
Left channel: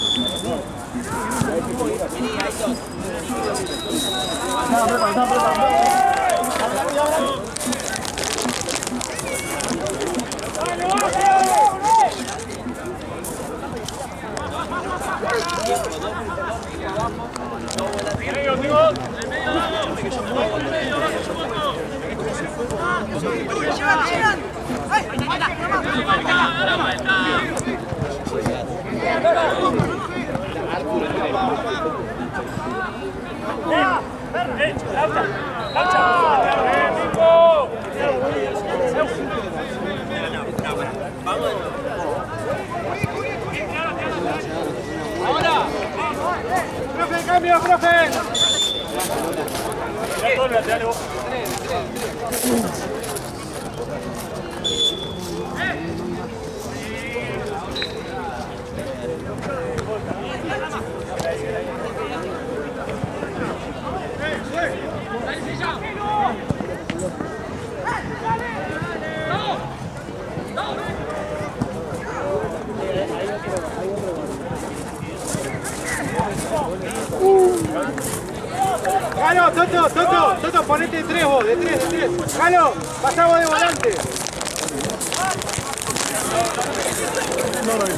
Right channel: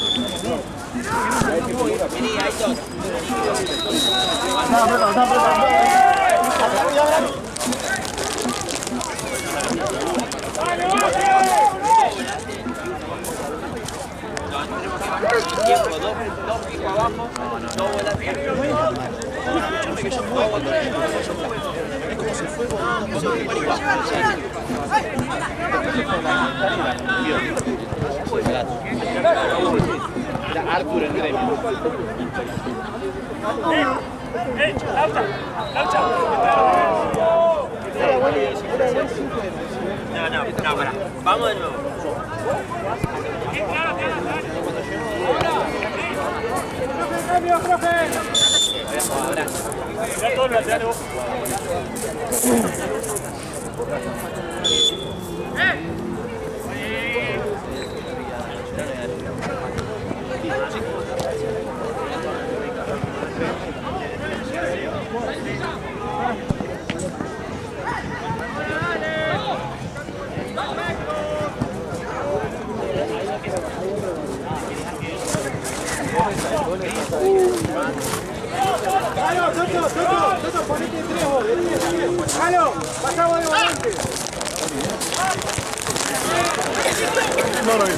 Vamos de nuevo. Profe, cambio, profe. Ya todo, dale vos. Jalo, Toto, ponete de tres vos, de tres. Jalo, pasá vos de volante. No lo vi.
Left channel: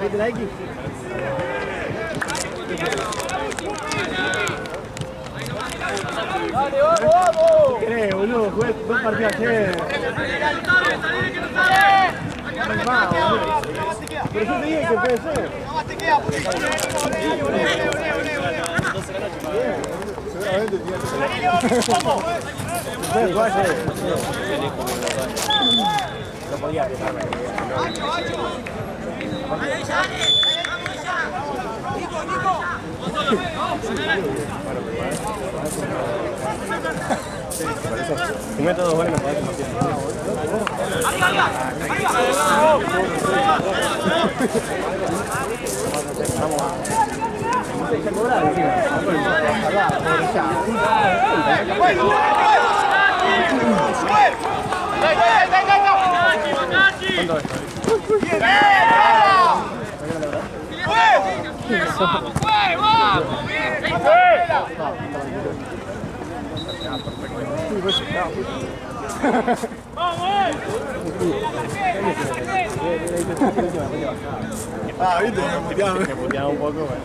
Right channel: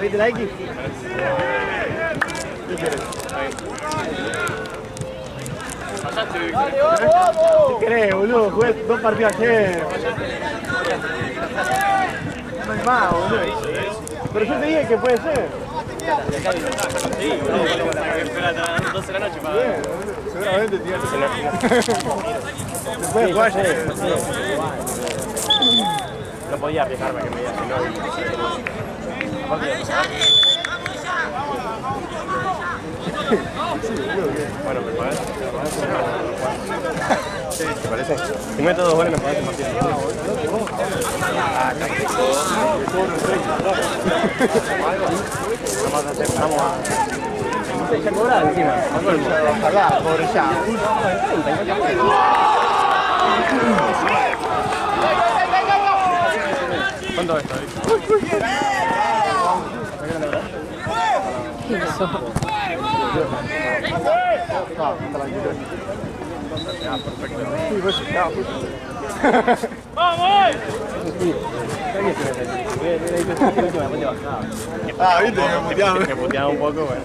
¿Viste la X? ¿Qué crees, boludo? Jugué 2 partidos ayer. No hay más, boludo. Pero yo te dije que puede ser. Seguramente tiene que ser. Puede jugar ayer. No podía apretarme que me digas que no. Sí, por eso. Si meto 2 goles me parece más bien. Ya cobraba encima. ¿Cuánto es? Ah, viste, me puteaba un poco, bueno.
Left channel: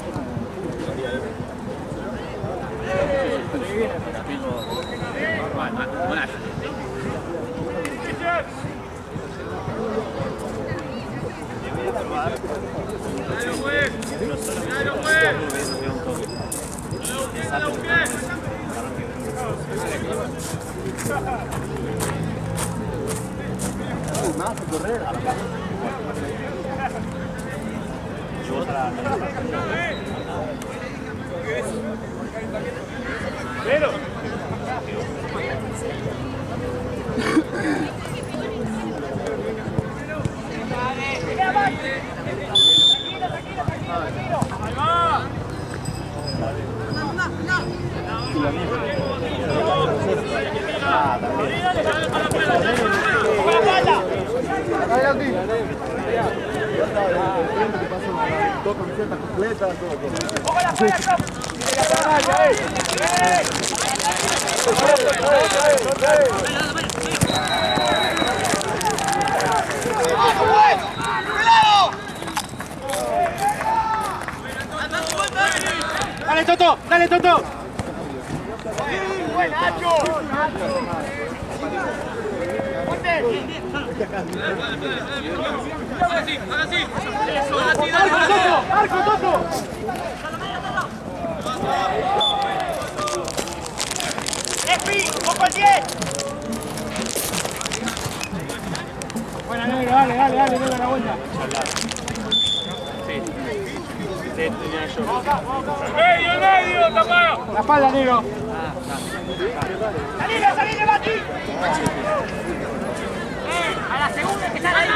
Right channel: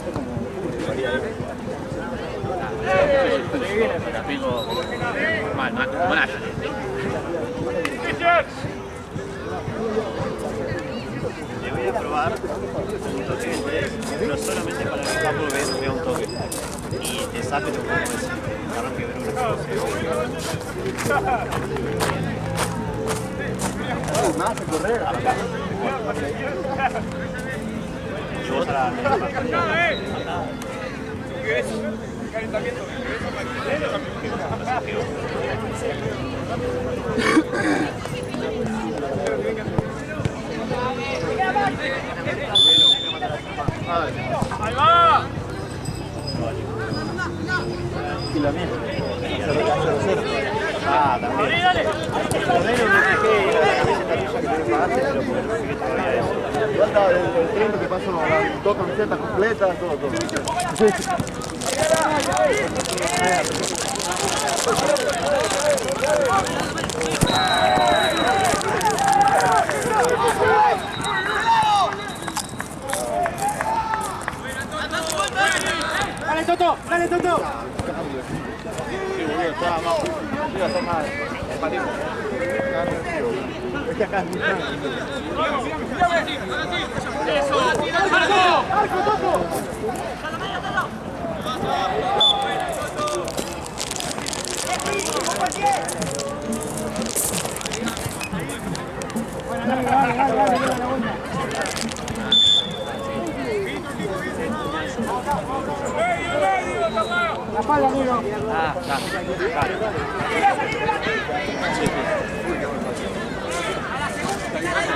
Le voy a probar. No solamente para que lo veas, vea un toque. Y te saque lo que arranque Me hace correr a la casa. y vos a la... Ahí va. Y la mía. Ah, también. Ya está, el frente que pasó, dos camisetas completas, todo. Dale, Toto, dale, Toto. Arco, Toto. Bueno, dale, dale la vuelta. Medio, Tomás. La espalda, negro. Salí, Bati. A la segunda que está ahí.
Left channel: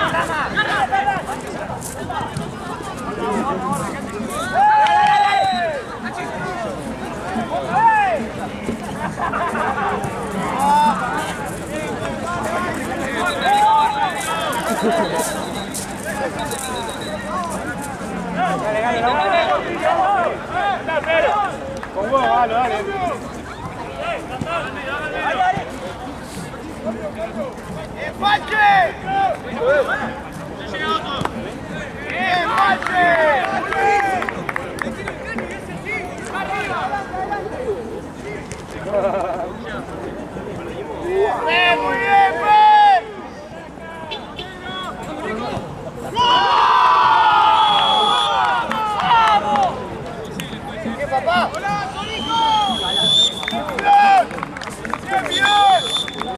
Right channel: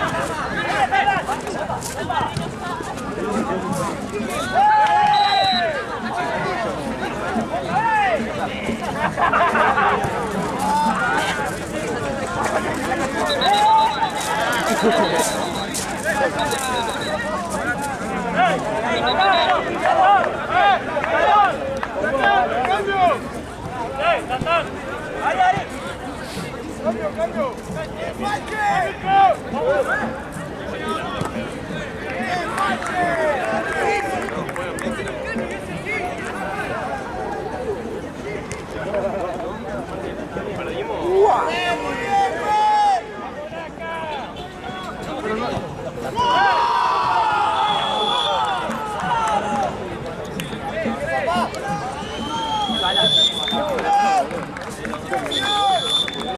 ¡Empache!